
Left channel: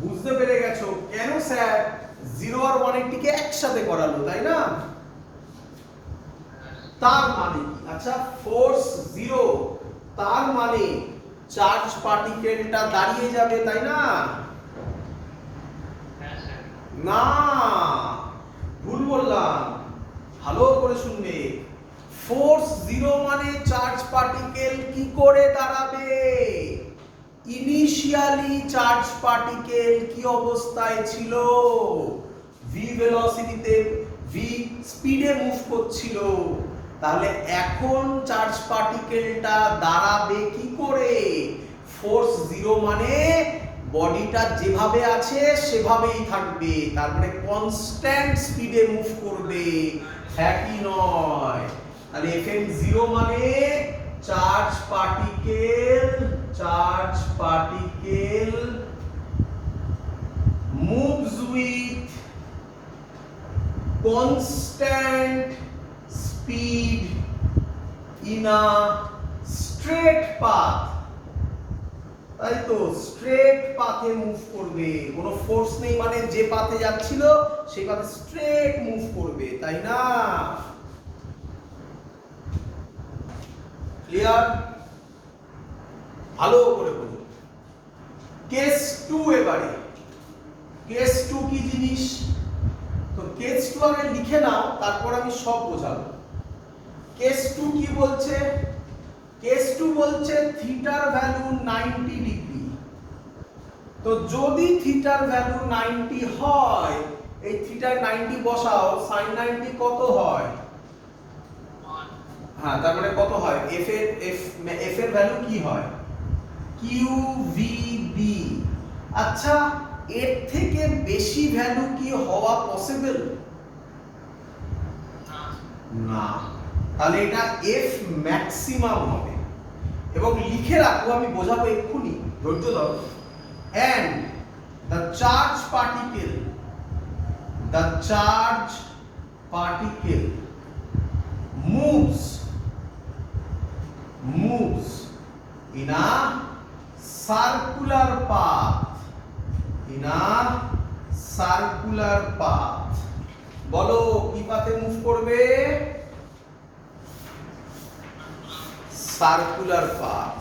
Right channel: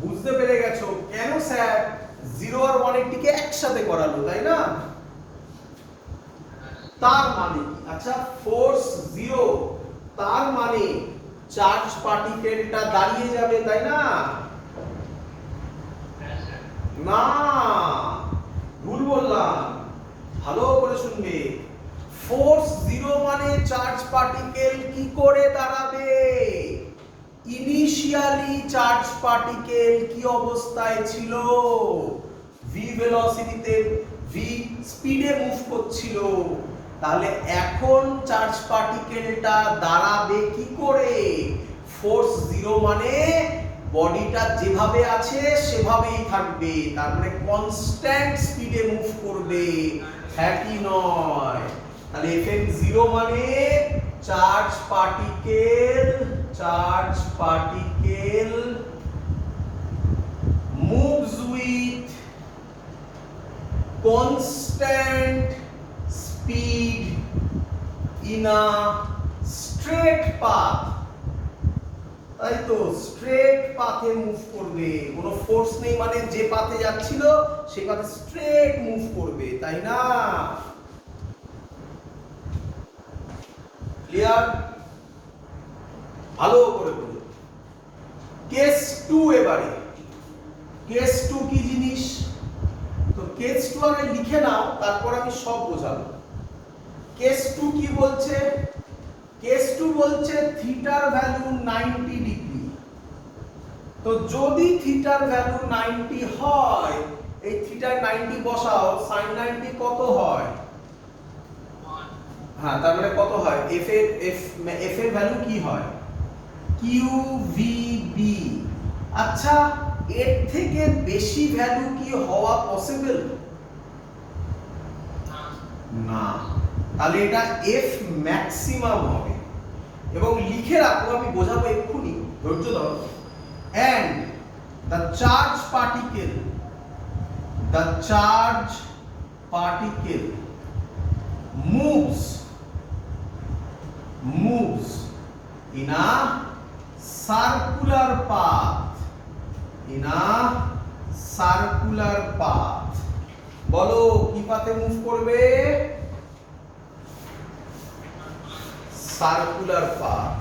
বুঝতে পেরে গেছো কেন স্যার 0 আর 180 কে একসাথে করালো, তাই না? তার মানে আচ্ছা ফোর্স 0, তার মানে চার্জ পার্টিকেলটা দাঁড়িয়ে যাবে, তাই না? না, ভুল বললাম, ভালো করে শুনবে। ফোর্স 0 মানে চার্জ পার্টিকেল কি করে দাঁড়াবে? ইনিশিয়ালি চার্জ পার্টিকেল কি অবস্থায় ছিল? v ভেলোসিটিতে, v স্পিডে মুভ করছিল। তাহলে এখন চার্জ পার্টিকেলটা দাঁড়াবে কি করে? ফোর্স 0 মানে বডিটা যেভাবে আছে সেভাবেই থাকবে, তার মানে কনস্ট্যান্ট স্পিডে মুভ করবে, হ্যাঁ কি নয়? তাহলে FM 0 মানে charge particle moves with constant speed in a straight path। তাই তো, স্ট্রেট পাথে মুভ করবে, কোনো ফোর্স নেই, মানে যে পাথে যাচ্ছিল সেই পাথে স্ট্রেট মুভ করবে, তাই না? ক্লিয়ার? ভালো করে বলুন। কেস 2 এবারে। কেস 2 কি জিনিস? তো কেস 2 আগে লিখে নাও, তারপর আমি সব বোঝাবো। কেস 2 কি বলছে? কেস 2 বলছে থিটার ভ্যালু 90 ডিগ্রি। তো যদি থিটার ভ্যালু 90 হয়, এই থিটার 90 বসাও, sin 90 কত হয়? হ্যাঁ, তার মানে কত হয়? f এর ভ্যালু কি হয়? QVB। আচ্ছা, এর থেকে বেশি ভ্যালু কি হওয়া পসিবল? না। তাহলে এটা F ম্যাক্সিমাম হবে। এবং লিখে রাখো, আমি বোঝাবো এক্ষুনি, ধৈর্য ধরো। and the charge particle moves in a circular path, বলো কি পাথে মুভ করবে? Circular path.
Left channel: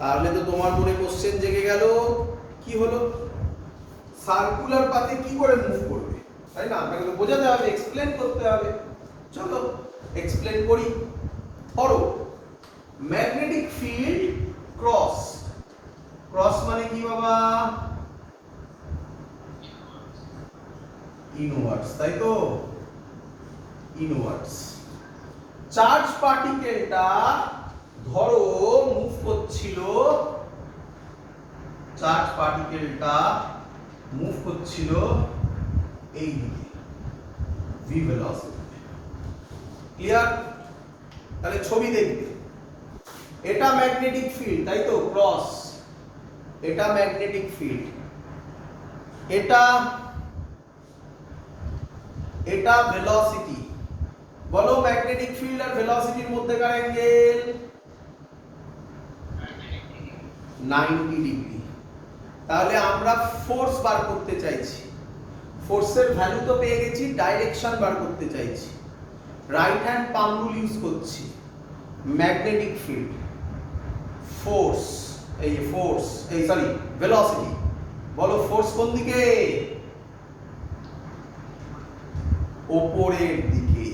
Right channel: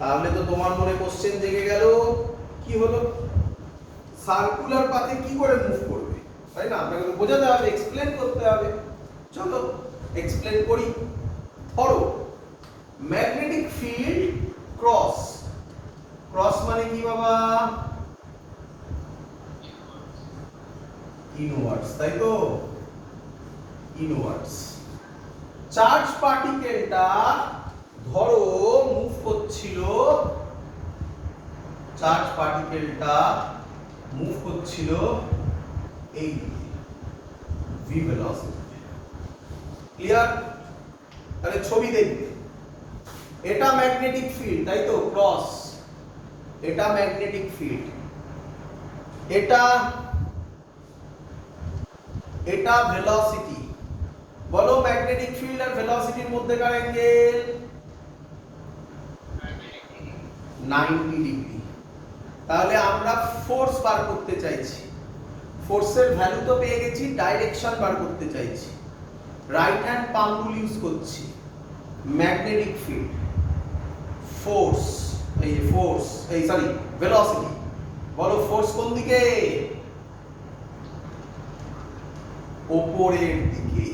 তাহলে তো তোমার মনে কোশ্চেন জেগে গেল, কি হলো সার্কুলার পাথে কি করে মুভ করবে, তাই না? আপনাকে তো বোঝাতে হবে, এক্সপ্লেন করতে হবে। চলো এক্সপ্লেন করি। ধরো ম্যাগনেটিক ফিল্ড ক্রস, ক্রস মানে কি বাবা? ইনওয়ার্ডস, তাই তো? ইনওয়ার্ডস। চার্জ পার্টিকেলটা ধরো মুভ করছিল, চার্জ পার্টিকেলটা মুভ করছিল এই দিকে ভি ভেলোসিটি। ক্লিয়ার? তাহলে ছবি দেখবে, এটা ম্যাগনেটিক ফিল্ড, তাই তো? ক্রস, এটা ম্যাগনেটিক ফিল্ড, এটা এটা ভেলোসিটি। বলো ম্যাগনেটিক ফিল্ড আর ভেলোসিটির মধ্যেকার অ্যাঙ্গেল 90 ডিগ্রি। তাহলে আমরা ফোর্স বার করতে চাইছি, ফোর্সের ভ্যালু তো পেয়ে গেছি, ডাইরেকশন বার করতে চাইছি। রাইট হ্যান্ড পাম রুল ইউজ করছি। ম্যাগনেটিক ফিল্ড, ফোর্স, এই ফোর্স, এই সরি ভেলোসিটি। বলো ফোর্স কোন দিকে? উপরের দিকে।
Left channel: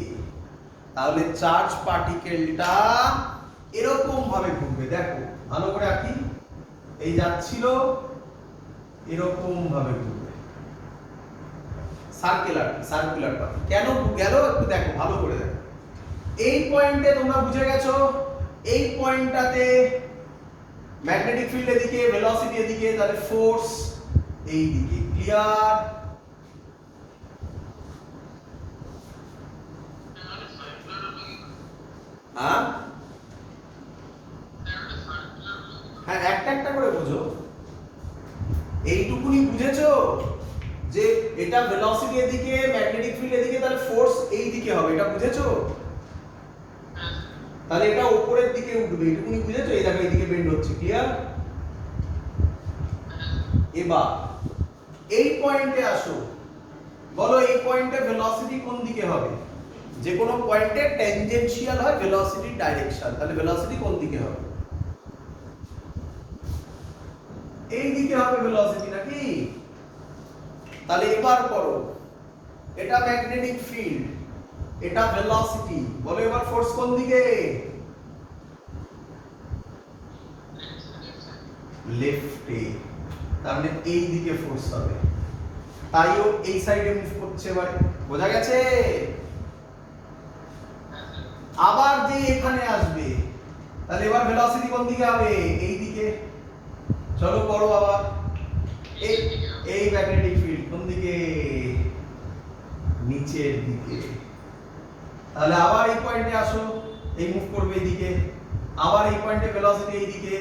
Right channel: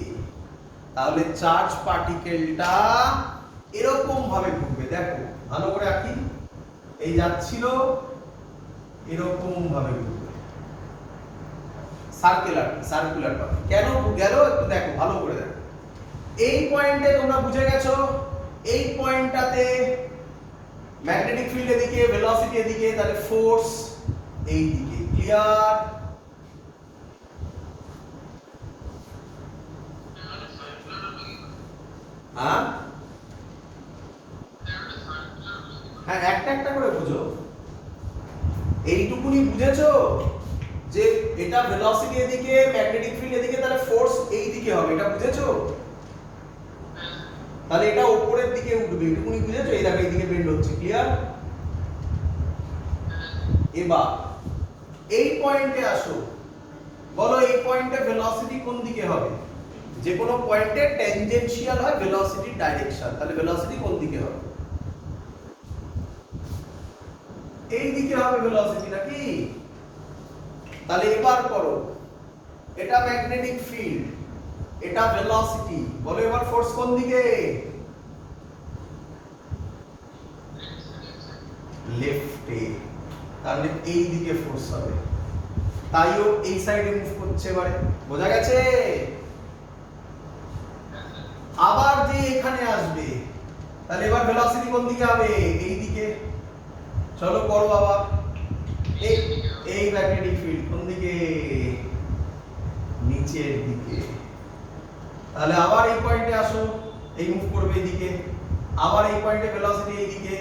তাহলে চার্জ পার্টিকেলটা এরকম ভাবে ঘুরবে, দেখো ভালো করে আঁকি, এই যাচ্ছিল এরকম ভাবে ঘুরবে, সার্কুলার সার্কুলার পাথ। কেন গেল একটু দেখো, ভালো করে দেখো। এই পয়েন্টে তোমরা বুঝে গেছো, এই পয়েন্টটাতে ম্যাগনেটিক ফিল্ড এদিকে, ভেলোসিটি এদিকে, তাহলে ফোর্স এই দিকে। ক্লিয়ার? হ্যাঁ হ্যাঁ, একটা একটা করে বুঝো। এইটুকুনি বুঝেছো যে এটা ভেলোসিটি এদিকে, ম্যাগনেটিক ফিল্ড এদিকে, তাহলে ফোর্স এই দিকে হবে, এটা বুঝেছো? তাহলে এটা উপরের দিকে উঠবে, এইটুকুনি বুঝেছো? এই দেখো এইদিকে বেন্ড হচ্ছে। ক্লিয়ার? এবার এই পয়েন্টে আসো, বলো এই পয়েন্টে ভেলোসিটি কোন দিকে হবে? যে কোনো পয়েন্টে ট্যানজেনশিয়াল হয় ভেলোসিটির ডাইরেকশন, তাহলে ভেলোসিটি কোন দিকে হবে? এই দিকে হবে ভেলোসিটি, নাকি? তাহলে এবার করো, এটা ম্যাগনেটিক ফিল্ড, এটা ভেলোসিটি, বলো এবার ফোর্স কোন দিকে? লেফটে, তাহলে এই দিকে ফোর্স হবে, তাইও এই সাইডে মুভ করছে। এবারে বোঝা গেছে? আবার যে এখানে আসবে, তাহলে এবার ভেলোসিটি কোন দিকে হবে? এই দিকে। চলো করো আবার, এই ম্যাগনেটিক ফিল্ড কোন দিকে? নিচের দিকে। তাহলে আবার এই পয়েন্টে আসো, এই মুভ করবে এইদিকে, আবার এই পয়েন্টে ভেলোসিটি এইদিকে,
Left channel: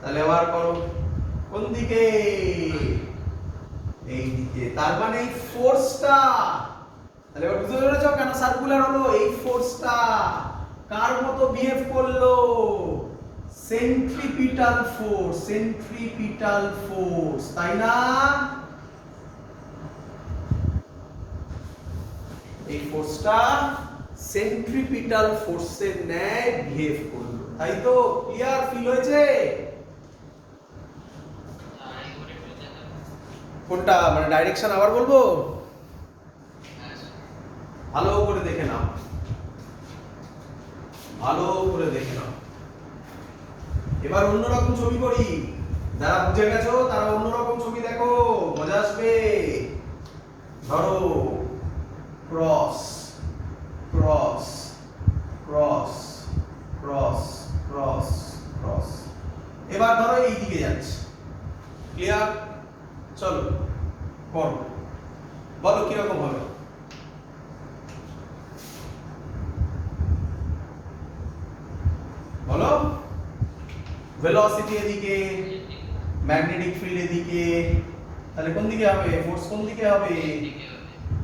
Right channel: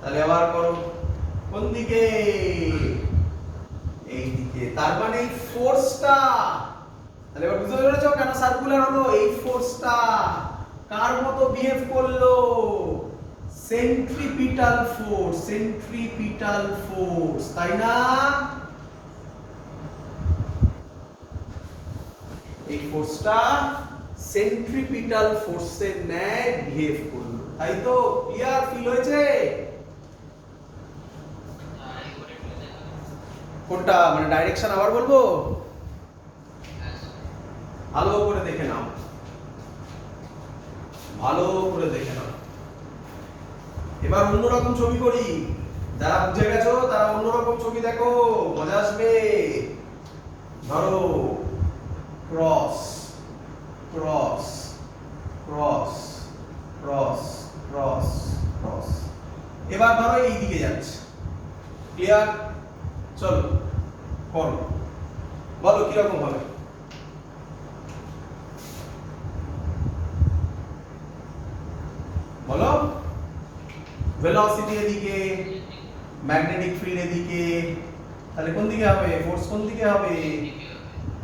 তাহলে আবার করো কোন দিকে? এইদিকে। তার মানে এই ফোর্সটা, তাহলে এবার বুঝতে পেরেছো কেন সার্কুলার হলো? এই ফোর্সটা কার মতো বিহেভ করলো? সেন্ট্রিপিটাল ফোর্স, সেন্ট্রিপিটাল ফোর্স, তাই না? এই ফোর্সটা সেন্ট্রিপিটাল ফোর্সের ন্যায় বিহেভ করলো, তাই তো? ক্লিয়ার ফিল হয়েছে? কোনটা মানে ডাইরেকশন আবার বলবো? ভালো করে দেখে নাও, ভালো করে দেখে নাও। এবার অন্যরকম ছবি করি, যারা বুঝে গেছো তারা অন্যরকম ছবি দেখো, মজা আসবে। ধরো cross cross cross cross cross cross, এবার ধরো এই দিকে যাচ্ছে। ক্লিয়ার? চলো করো, বলো কিরকম হবে? বলো ভেলোসিটি এদিকে, ম্যাগনেটিক ফিল্ড এদিকে, তাহলে কোন দিকে হবে? ফোর্স কোন দিকে হবে?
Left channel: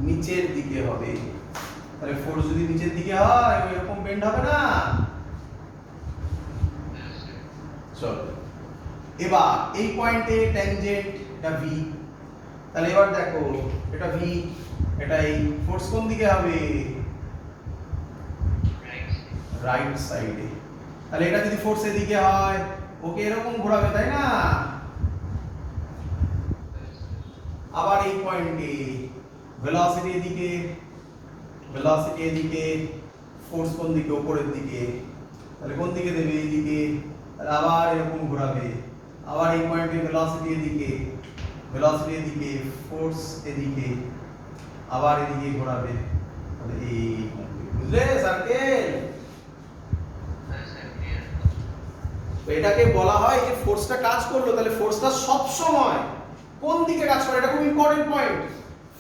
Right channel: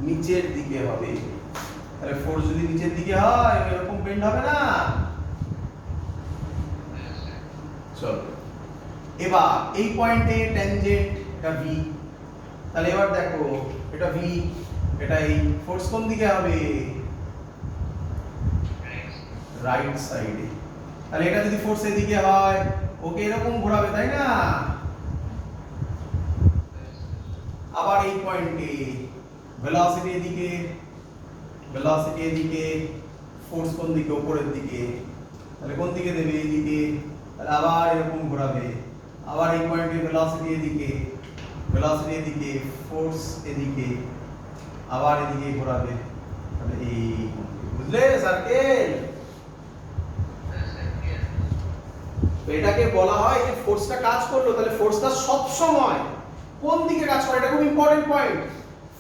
নিচের দিকে হবে। তাহলে ফোর্স যদি নিচের দিকে হয় এরকম বেন্ড হবে না? চলো এবার এই পয়েন্টে ট্যানজেন্ট, এটা ভি, তাহলে এবার দেখো এটা ভি, এটা এই ফোর্স কোন দিকে হবে? রাইট সাইডে। তাহলে এটা যদি ফোর্স এদিকে হয় ওকে এরকম ঘোরাবে, তাই না? আবার এই পয়েন্টে ভেলোসিটি এদিকে, ফোর্স কোন দিকে? উপরের দিকে। তাহলে কোন দিকে দেবে? এইদিকে। তাহলে আবার এরকম ঘোরাবে, আবার এই পয়েন্টে ভেলোসিটি এদিকে, ফোর্স এদিকে, আবার এদিকে ঘোরাবে। তাহলে এই বুঝলে সার্কেল? এটাকে বলা হয় যে ফোর্সটা কাজ করলো, তাহলে ফোর্সটা সব সময় কোন দিকে কাজ করে? এটা খুব ইম্পর্টেন্ট পয়েন্ট।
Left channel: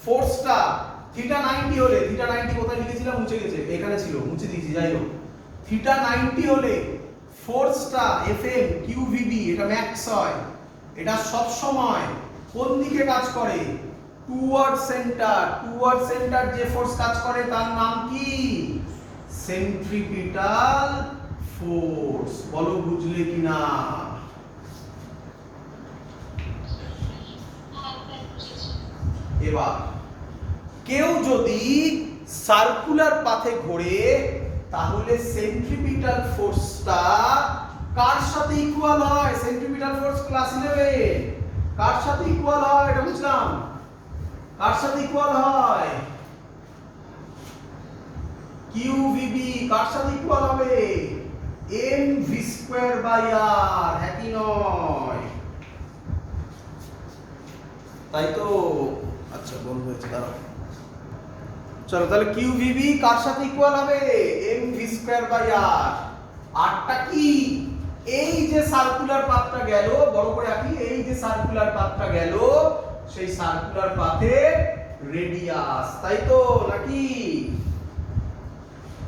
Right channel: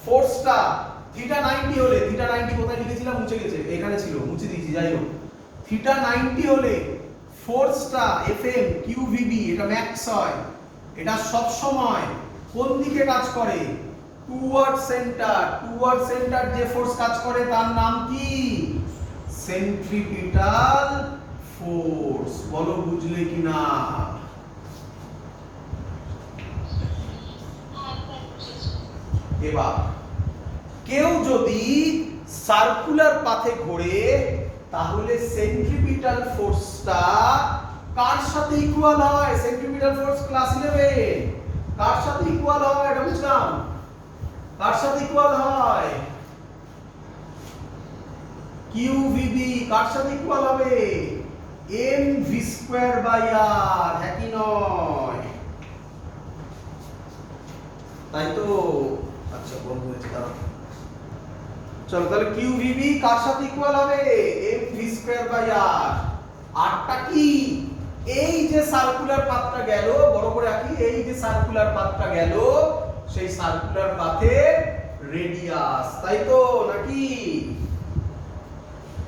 ফোর্সটা থিটা 90 হলে, থিটা 90 কোথায় লিখেছিলাম? মুছে গেছে, এখানে ছিল, মুছে দিয়েছি, যাই হোক। থিটা 90 হলে ফোর্সটা এফএম কিউভিবি এটা ম্যাক্স হয়। এটা সব সময় কোন দিকে কাজ করে? টুয়ার্ড সেন্টার যে ফোর্স কাজ করে তার নাম কি? Centripetal force. বলো বুঝলে কিনা? এবার কেউ যদি সার্কুলার পাথে ঘোরে তাহলে সেন্ট্রিপিটাল ফোর্সটা কার সাথে ইকুয়াল হয়? সেন্ট্রিপিটাল ফোর্স ক্লাস 11 কার সাথে ইকুয়াল হয়? এটা বুঝলাম। কার সাথে ইকুয়াল হয়? কিউভিবি। কার সাথে ইকুয়াল হবে? mv²/r। হ্যাঁ কি নয়? তাই তো? আচ্ছা বলবো, দাঁড়াও। চলো তাহলে কিউভিবি কার সাথে ইকুয়াল হবে? mv²/r। আরটা কি? এই যে সার্কুলার পাথটা গেল, বড় করে আঁকি, এই যে সার্কুলার পাথটা গেল, সেই সার্কুলার পাথের রেডিয়াস, তাই তো নাকি?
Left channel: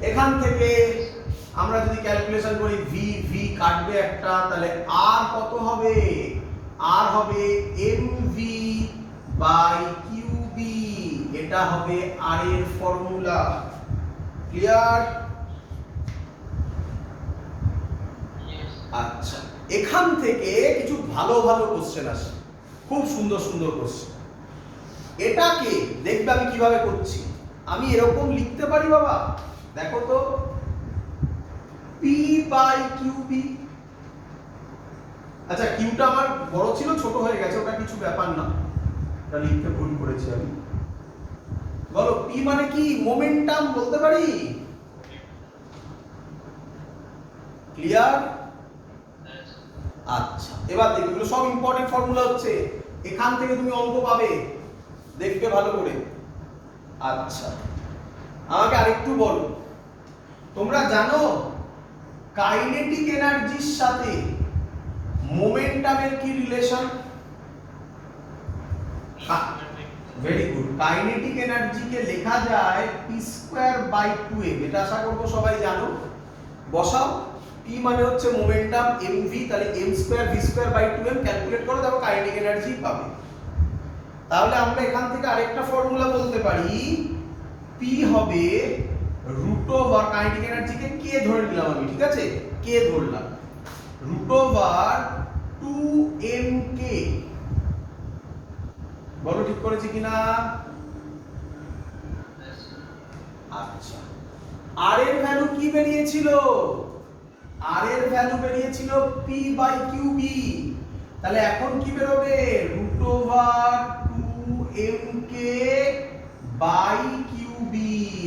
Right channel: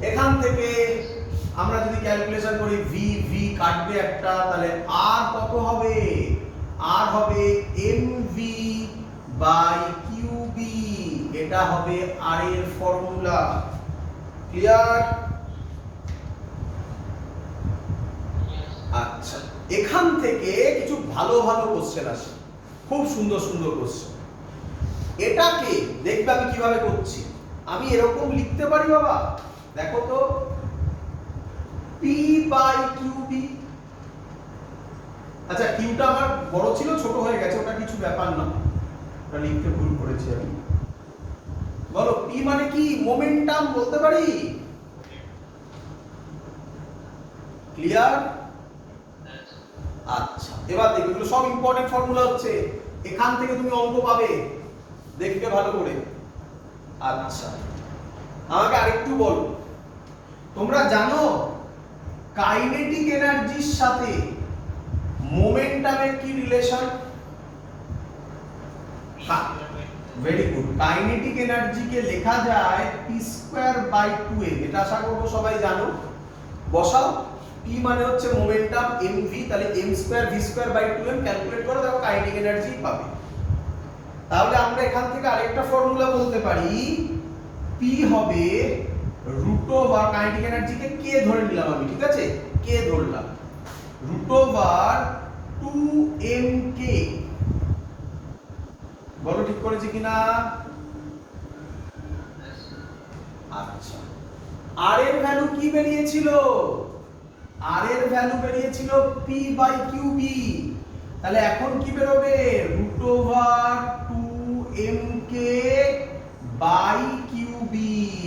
এখান থেকে আমরা যদি ক্যালকুলেশন করি, ভি কাটবে একটা, তাহলে আর কত হবে? আর হবে mv/qb। এটা হবে আর এর ফর্মুলা। ক্লিয়ার? আচ্ছা, এখান থেকে কিছু ভালো ভালো কোশ্চেন আসে, খুব সুন্দর সুন্দর কোশ্চেন। এটাকে দেখবে আমি কিভাবে করছি। আমি এরকম লিখতে পারি বাবা, দেখো তো, p/qb। আচ্ছা, কিউটা আমার বড় ছিল, ছোট হয়ে গেছে, ওটা কিছু ব্যাপার না, ওটা লিখতে ভুল করেছি আমি। বলো p মানে কি? মোমেন্টাম বলতে পারি। ক্লিয়ার? আচ্ছা, এবার দেখি, এগুলো সব ইম্পর্টেন্ট ফর্মুলা হচ্ছে, এখান থেকে তুমি অঙ্ক পাবে, দেখবে ভালো করে। আচ্ছা, আমাকে আরেকটু বলো, তোমরা জানো কাইনেটিক এনার্জির সাথে মোমেন্টামের কি রিলেশন? Very good. কাইনেটিক এনার্জিকে লেখা যায় p²/2m। এটা আশা করবো সবাই জানো। বসাও, p মানে হচ্ছে মোমেন্টাম, mv, তাহলে m²v²/2m ক্যালকুলেট করো, দেখো কাইনেটিক এনার্জি পাবে। তাহলে আমরা এখান থেকে আরেকটা ফর্মুলা বলতে পারি, p হবে √, কাইনেটিক এনার্জিকে k ধরে নিলাম আমি, ঠিক আছে? k ধরলাম, √2mk। বলো ঠিক করেছি কিনা? আচ্ছা, আর এর ভ্যালু কি বেরিয়েছিল? আর এর ভ্যালু বেরিয়েছিল p/qb। তাহলে এখন কি বেরোবে? √2mk/qb।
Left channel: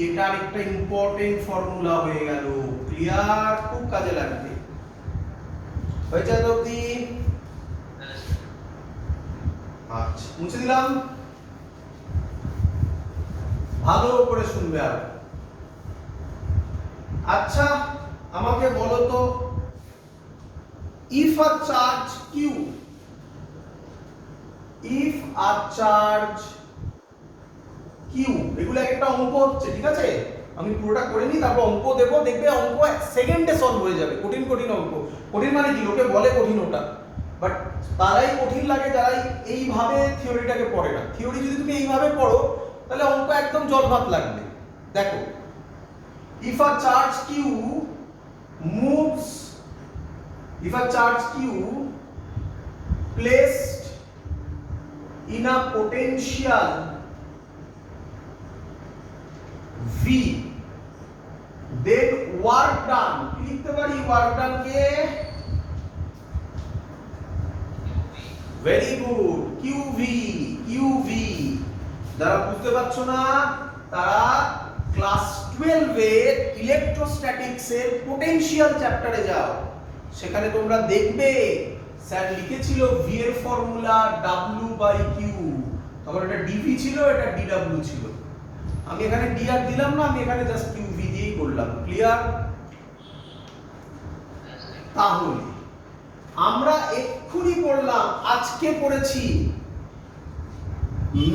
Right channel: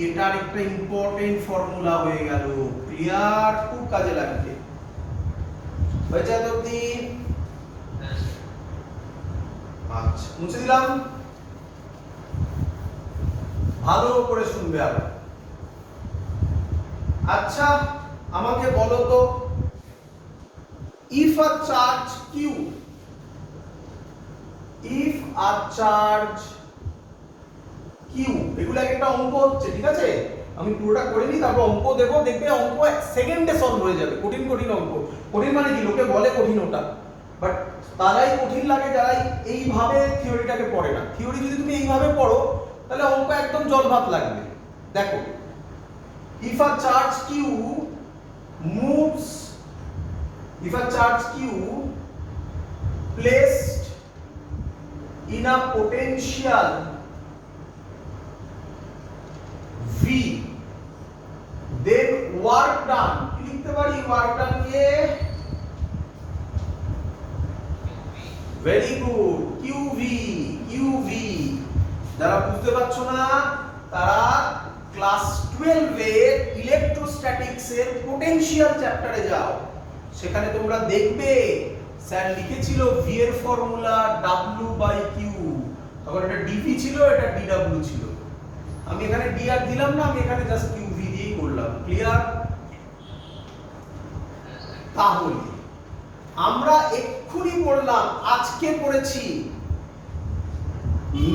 এটা আরেকটা ইম্পর্টেন্ট ফর্মুলা হয়ে গেল। ক্লিয়ার? খুব কাজে লাগবে। হয়েছে তো অবধি? আচ্ছা, মুছে দিলাম, ভালো করে শুনবে আর। আচ্ছা, আমাকে বলো তো, if a charge q, এগুলো একটা অঙ্ক হচ্ছে, ঠিক আছে? আমি পুরোটা করে নিই, তারপর অঙ্ক দেবো, দেখবে অঙ্ক 1 সেকেন্ডে সলভ হয়ে যাবে। কঠিন কঠিন অঙ্ক, কঠিন মানে কি, লোকে বলে কঠিন ওটা, বাট তারাই কঠিন লাগে যারা এইভাবে থিওরিটাকে পড়ে না। থিওরি যদি তুমি এইভাবে পড়ো তাহলে অঙ্ক একদম জল ভাত লাগবে। দেখো, if a charge q moves, if a charge q placed in a potential v, then work done, লিখতে পারি ওয়ার্ক ডান কে ভেরি গুড, কিউভি। যারা বুঝতে পারছো না তারা ক্লাস 12 এর ইলেকট্রোস্ট্যাটিক্স এর পোটেনশিয়াল চ্যাপ্টারে যাও, সেখানে তোমরা দেখবে স্যার লিখেছিল ভি এর ফর্মুলা W/Q, তখন এটা ডিভি ছিল, এটা ডিডব্লিউ ছিল। আমি এখানে ডি আর দিলাম না, আমি এখানে জাস্ট কিউভি দিয়েই করলাম। ক্লিয়ার? তাহলে আমরা এক্ষুনি পড়লাম, আজকে পড়েছি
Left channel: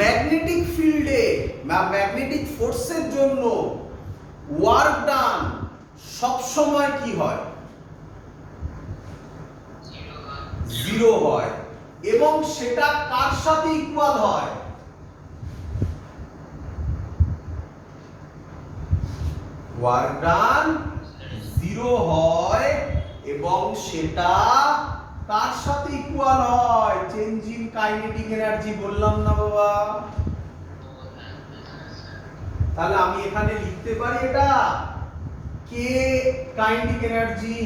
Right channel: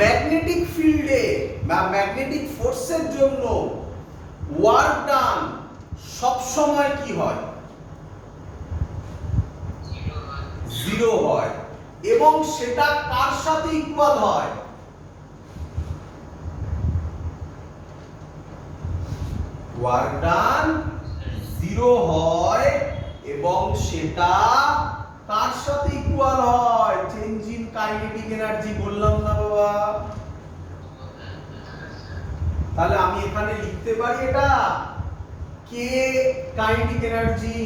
ম্যাগনেটিক ফিল্ডে বা ম্যাগনেটিক ফোর্সের জন্য ওয়ার্ক ডান সব সময় কি হয়? জিরো হয়, এবং সেটা কার সাথে ইকুয়াল হয়? ওয়ার্ক ডান জিরো হয় এবং সেটা কার সাথে ইকুয়াল হয়? Change in kinetic energy. বললাম না বাবা? তাহলে আমি এখানে লিখতে পারি এটা কে kinetic energy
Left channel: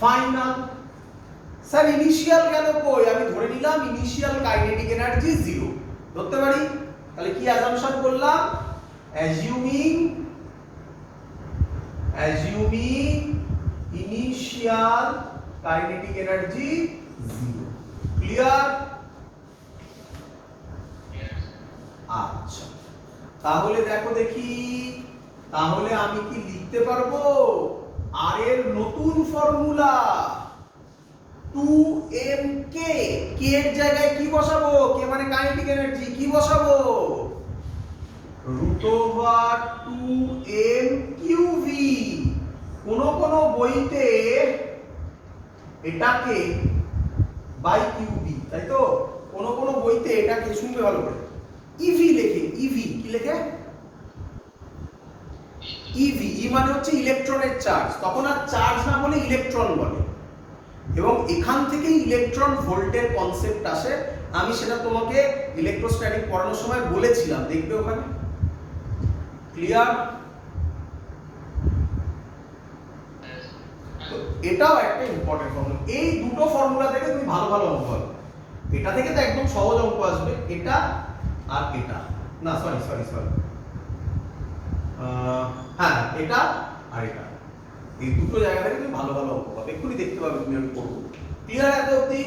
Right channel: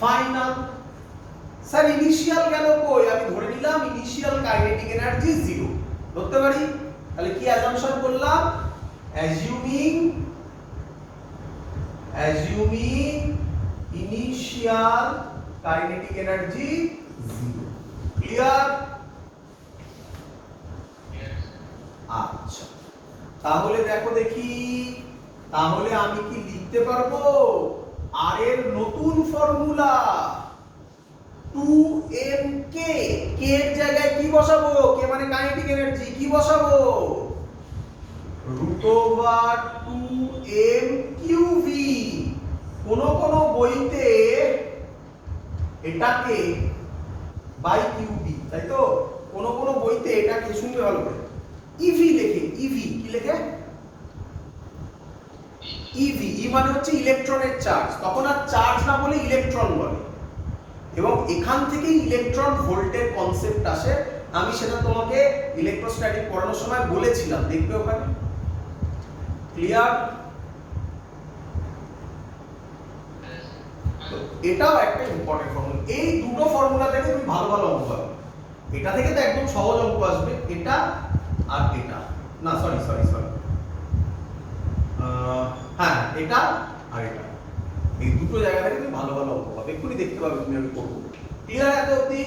final. Sir initial কেন কই? আমি ধরে নিলাম ইনিশিয়াল কাইনেটিক এনার্জি জিরো, ধরতে পারি। তাহলে কি অ্যাজাম্পশন করলাম? Assuming initial kinetic energy zero. Clear? আচ্ছা, তাহলে দেখো দেখি, তাহলে আমি কি লিখতে পারবো আর এর নতুন ফর্মুলা 2mk, কে এর জায়গায় কি বসাবো? কে মানে কাইনেটিক এনার্জি, কি বসাবো? √2mqv। কোন বইতে এটাকে বাই কিউবি, তাই তো? কোন বইতে এটাকে, শুনবে ভালো করে, ইভি লেখে। ইভি কি লেখে? ইভি, ই মানে হচ্ছে ইলেকট্রনের চার্জ, তখন আর চার্জ না বলে ইলেকট্রন বলে, এবং এখান থেকেই ইলেকট্রন ভোল্টের কনসেপ্ট আসে। আমি সেটা তোমাকে ইলেকট্রোস্ট্যাটিক পড়ানোর সময় বলেছিলাম, দেখবে ওখানে। ক্লিয়ার? এটাও একটা ইম্পর্টেন্ট ফর্মুলা। এই দুটো ফর্মুলা থেকে তুমি ভালো ভালো অঙ্ক পাবে। এটা থেকে তো একদম সহজ অঙ্ক আসবে, এটা আর এটা না, সরি, হ্যাঁ এটা আর এটা, এই দুটো জায়গা থেকে তুমি ভালো ভালো অঙ্ক পাবে, এক্ষুনি দেখতে পাবে তুমি আমি করবো। ক্লিয়ার এত অবধি?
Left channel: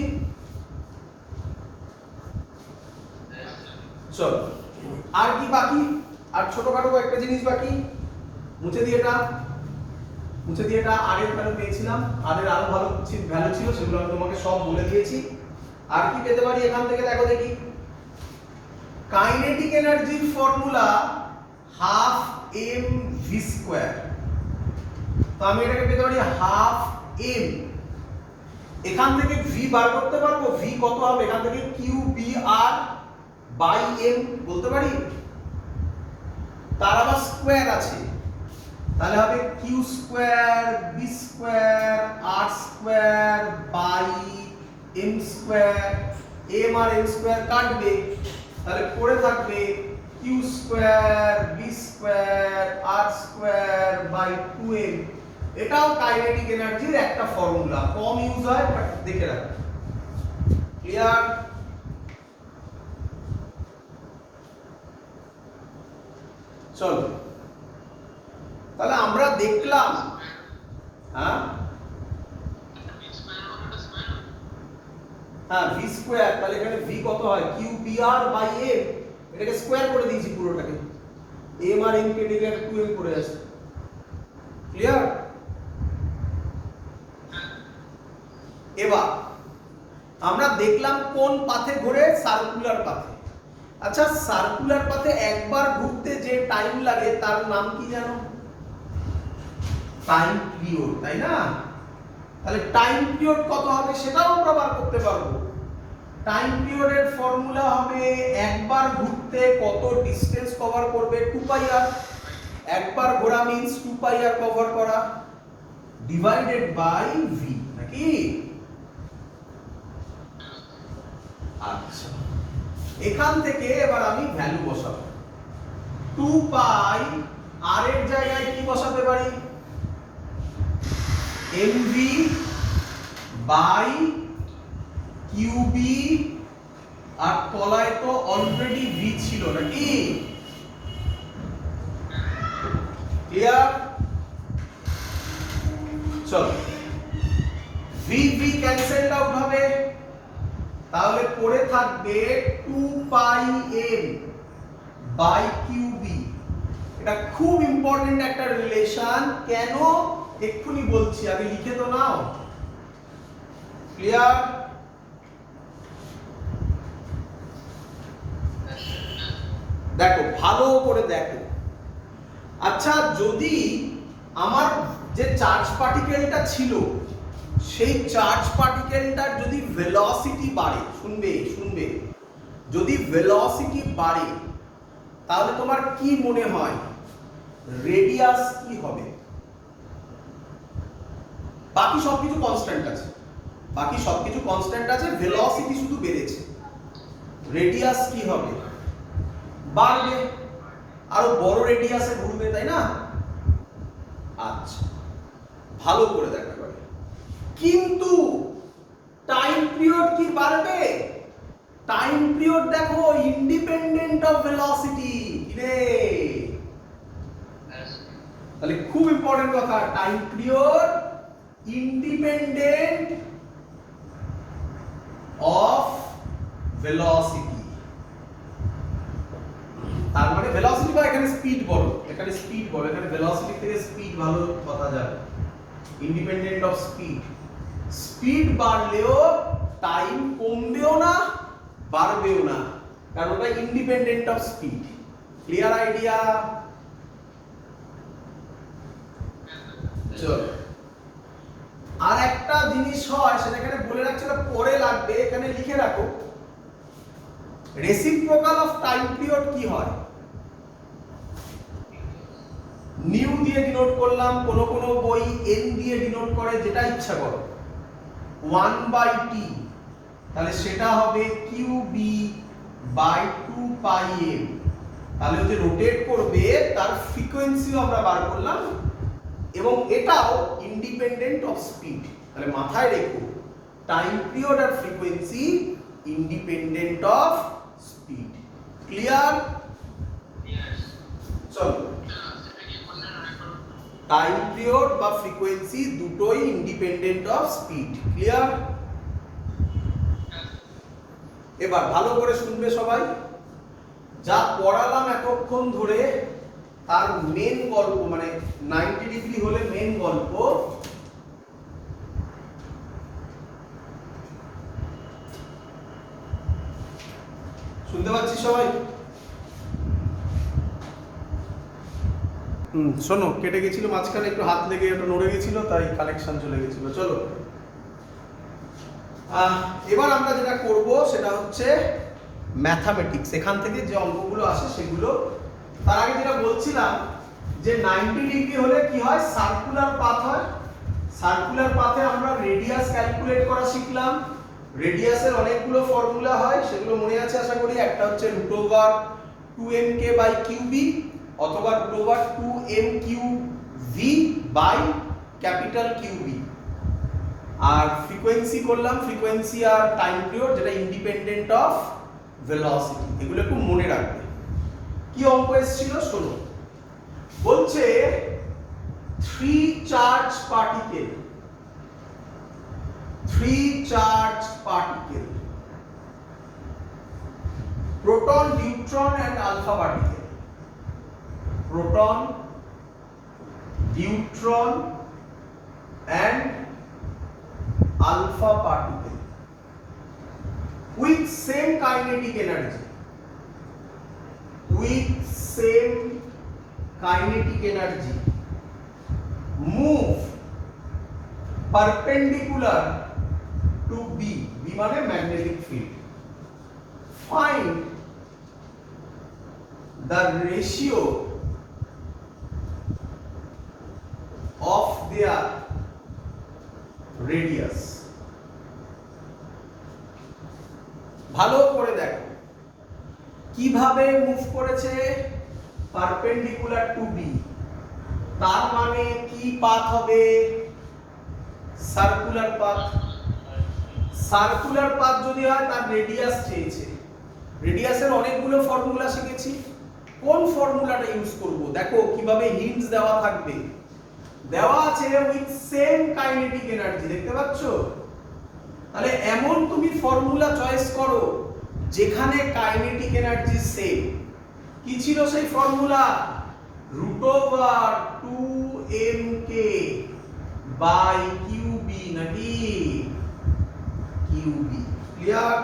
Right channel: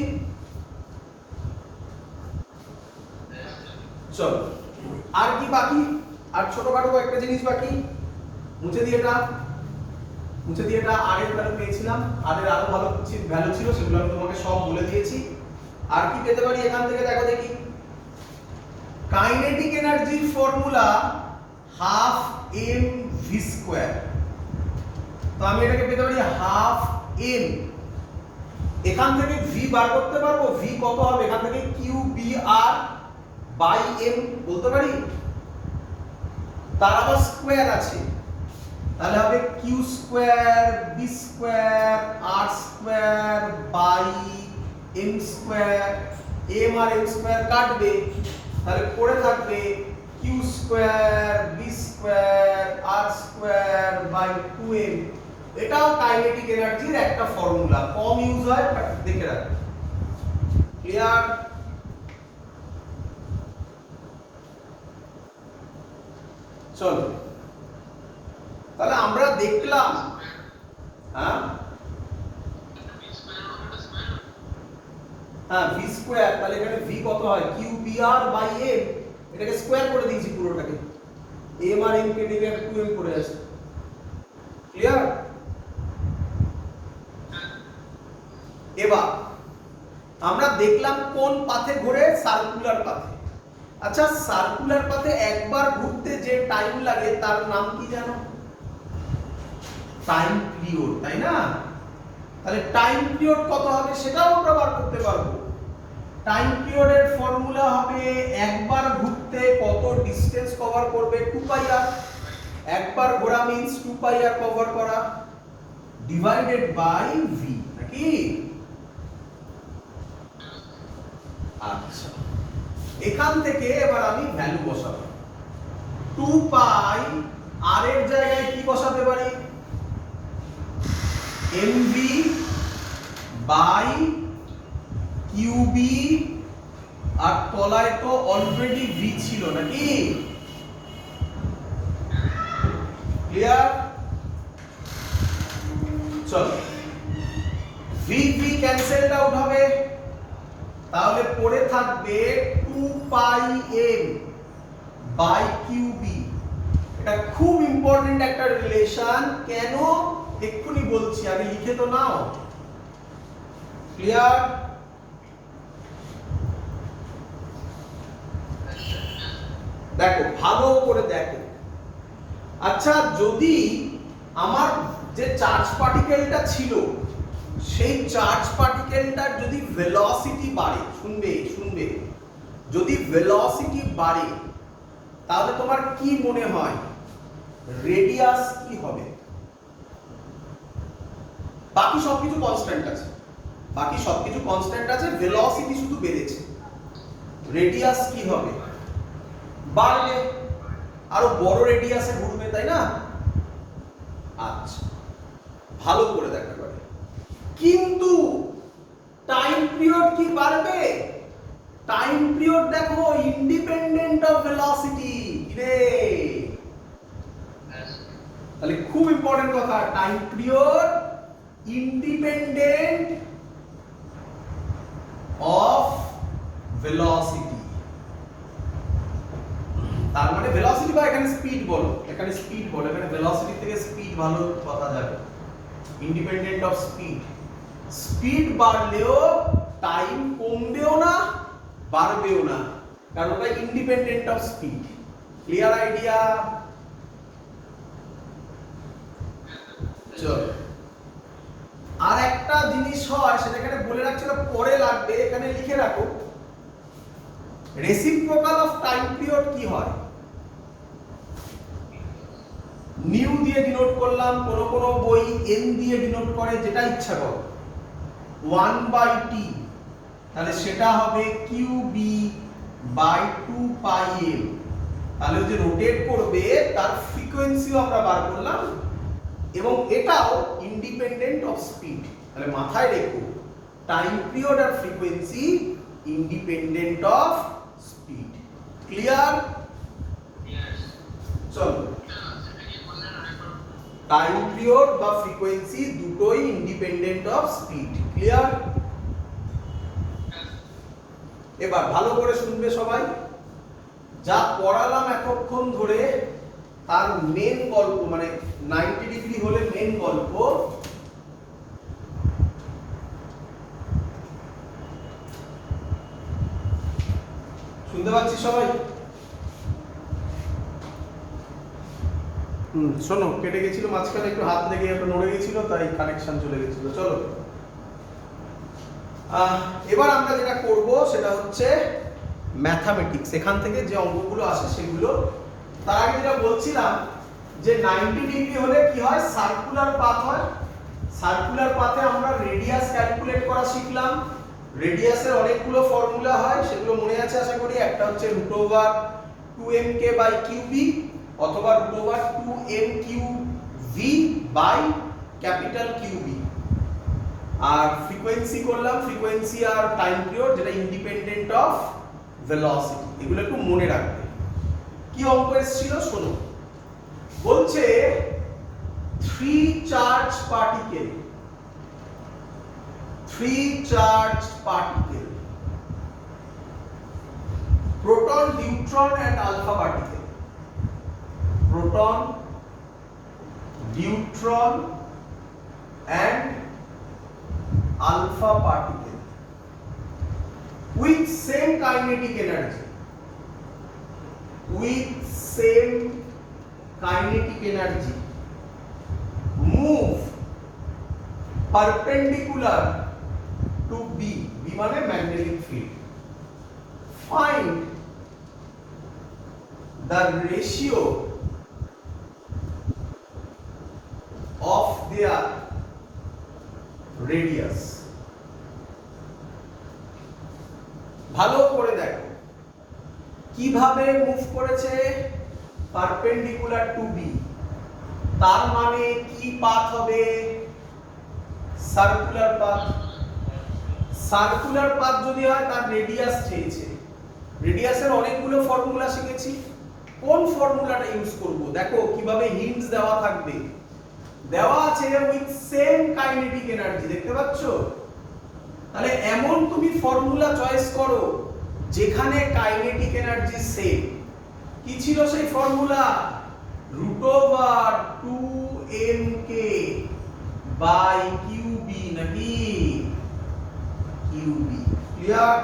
চলো, আর কি বাকি? আর ছোটখাটো একটা জিনিস বাকি, মুছে দিয়ে এটা আর এর ভ্যালু পেয়েছিলাম, আর এর আরো ভালো ভ্যালু ছিল, সেগুলো আমি তোমাকে সব বলে দিয়েছি। আর কি পেতে পারি এখান থেকে? দেখো দেখি, কাইনেটিক এনার্জির formula half M V square. তো আমি এটাকে পেতে পারি হাফ এম, এখান থেকে ভি বার করতে পারবো। ভি কত হবে? এখান থেকে Q B R by M বলতে পারি, তার আবার স্কয়ার আছে, তাহলে হবে Q square B square R square by M square. M আর এম স্কয়ার কাটবে, তাহলে পড়ে থাকবে Q square B square R square by 2m। এটাও কাইনেটিক এনার্জির একটা ফর্মুলা, কম ইউজ হয়, দেখে রাখ। ক্লিয়ার? চলো, তাহলে আমরা দেখলাম, হ্যাঁ ভি স্কয়ার, তাহলে এখানে ভি কত হয়? Q B R by M, এটাকে স্কয়ার করে দিয়েছি পুরোটাকে, এম আর এম কেটে গিয়ে 2m করে আছে। ক্লিয়ার? এবার আমরা দেখলাম কোন পাথে ঘোরে? সার্কুলার পাথে। আচ্ছা, সার্কুলার পাথে একবার ঘুরতে যে টাইম লাগে তার নাম কি জানো? টাইম পিরিয়ড, তাই না? তাহলে টাইম পিরিয়ড কত হবে সেটাও আমরা বার করতে পারবো। টাইম পিরিয়ডের ফর্মুলা হবে একবার ঘুরতে কত ডিসটেন্স কভার করবে, 2 πr। একবার ঘোরা মিন্স 2 πr কভার করা, ডিভাইডেড বাই ভি, নাকি? আচ্ছা, এখান থেকে এবার আমি ভ্যালু বসাবো। 2 পাই আর এর জায়গায় কি বসাতে পারি? mv বাই কিউবি আর তলায় তো অলরেডি ভি ছিল নাকি? ক্লিয়ার? চলো ভি ভি ক্যান্সেলড আউট হবে, তাহলে পড়ে থাকবে 2 পাই এম বাই কিউবি। এটা খুব ইম্পর্টেন্ট একটা রিলেশন। কেন এক্ষুনি বলছি, আগে লিখে তো নাও। ক্লিয়ার? দেখো ভালো করে দেখো। আচ্ছা, যদি আমার যে চার্জ পার্টিকেলটা ছিল সেই চার্জ পার্টিকেলটার যদি ভেলোসিটি বাড়ে, শুনবে, যদি ভেলোসিটি বাড়ে তাহলে তোমার কি মনে হয় রেডিয়াস কি হবে? বাকি সবকিছু কনস্ট্যান্ট আছে, ভেলোসিটি শুধু বেড়েছে। রেডিয়াস কি হবে? বাড়বে, আরো বড় রেডিয়াসে ঘুরবে, তাই না? আচ্ছা, ভালো করে দেখো এবারে। কিন্তু টাইম পিরিয়ড কি বাড়বে? টাইম পিরিয়ড দেখো ইন্ডিপেন্ডেন্ট অফ ভেলোসিটি। তাহলে খুব ইম্পর্টেন্ট কথা, time period independent of velocity. তার মানে ভেলোসিটি বা এখানে স্পিড বড়, এখানে ভেলোসিটি থেকে স্পিড ভালো কথা যাবে। Independent of speed. স্পিড বাড়লেও টাইম কমবেও না বাড়বেও না, কারণ ওটা independent of speed. Clear idea? চলো, আর একটা জিনিস হয় সেটা এখানে বলে রাখছি, পরে লাগবে, এখানে লিখে রাখো। রেসিপ্রোকাল অফ টাইম পিরিয়ড কি হয়? নিউ দিয়ে ডিনোট করলাম, কোন কোন বই এন দিয়ে ডিনোট করে, যেটা ইচ্ছা করো। 1/t, তাহলে সেটা হবে কিউবি বাই 2 পাই এম। তাহলে যে রোটেট করবে তার ফ্রিকোয়েন্সিও আমরা বার করলাম, এবং এটাও ইন্ডিপেন্ডেন্ট অফ স্পিড। তাহলে মাথায় রেখো, টাইম পিরিয়ড আর frequency independent of speed. Clear? চলো, টাইম পিরিয়ড বা ফ্রিকোয়েন্সি দুটোই ইন্ডিপেন্ডেন্ট অফ স্পিড। ক্লিয়ার? এবার ভালো করে শুনবে সবাই। যা পড়ালাম এতক্ষণ ধরে তার মেন গল্প, মানে 90 ডিগ্রি হলে মেন গল্প। শুনতে পাচ্ছি সবাই? শোনো, কেটে গেছিল মাঝখানে, একটু হাত লেগে একটু নড়ে গেছিল, তাই কানেকশন চলে গেছিল। চলো, এবার আমরা যেটা করব সেটা হচ্ছে ম্যাথামেটিক্স। এখান থেকে যে অঙ্কগুলো আসে সেগুলো। তার আগে যেটা বলছিলাম যে 90 ডিগ্রি হলে কি হয়, সার্কুলার পাথ হয়। সার্কুলার পাথে আমরা রেডিয়াস ক্যালকুলেট করা শিখলাম। রেডিয়াসের অনেকগুলো ফর্মুলা হয়, সেগুলো মনে আছে আশা করি। একটা হচ্ছে √2mk/qb অথবা √2m3v বাই ক্যাপিটাল কিউবি। আর ফ্রিকোয়েন্সি করলাম, ফ্রিকোয়েন্সি আর টাইম পিরিয়ড, যেটা ইন্ডিপেন্ডেন্ট অফ ভেলোসিটি। এগুলো একটু মনে রাখবে। কি অঙ্ক এসেছিল শোনো। বলছে 3 charge particle, proton, neutron and alpha particle, proton, neutron and alpha particle with same kinetic energy, move perpendicular to B মানে magnetic field. Find the ratio of their radius. ভালো করে দেখো কিভাবে মুভ করেছে, পারপেন্ডিকুলার টু বি। তার মানে কি পাথ হবে? Circular path. সার্কুলার পাথ যদি হয় তার রেডিয়াস চেয়েছে। রেডিয়াসের অনেকগুলো ফর্মুলা শিখেছি, কোন ফর্মুলাটা ইউজ করব দেখো কিভাবে হিন্টস দেওয়া থাকবে। দেওয়া আছে উইথ সেম কাইনেটিক এনার্জি, দেখতে পাচ্ছ? তাহলে এমন তুমি ফর্মুলা চয়েস করো যেখানে কাইনেটিক এনার্জি সেম। কি ছিল সেই ফর্মুলা? √2mk বাই qb, নাকি qb। ক্লিয়ার?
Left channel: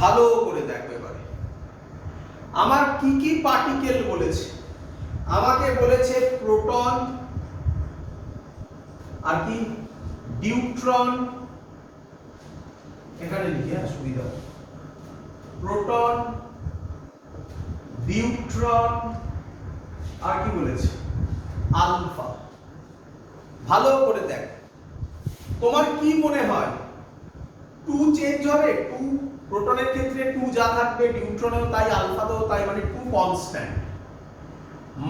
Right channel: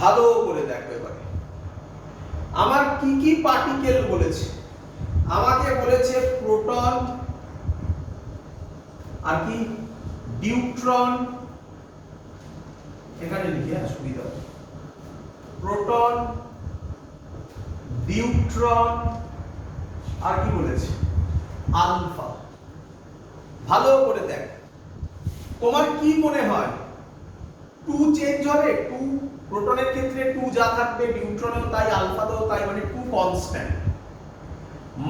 ভালো করে দেখো এবারে আমার কি কি পার্টিকেল বলেছে। আমাকে বলেছে প্রোটন, আর কি নিউট্রন, এখানে লিখে সুবিধা, প্রোটন, নিউট্রন, আর কি বলেছে আলফা। ভালো করে দেখ, তোমার কি মনে হয় 2 চেঞ্জ হবে? 2 প্রোটনের ক্ষেত্রে 2 যা থাকবে নিউট্রনেও তাই, আলফাতেও তাই, মানে 2 কনস্ট্যান্ট।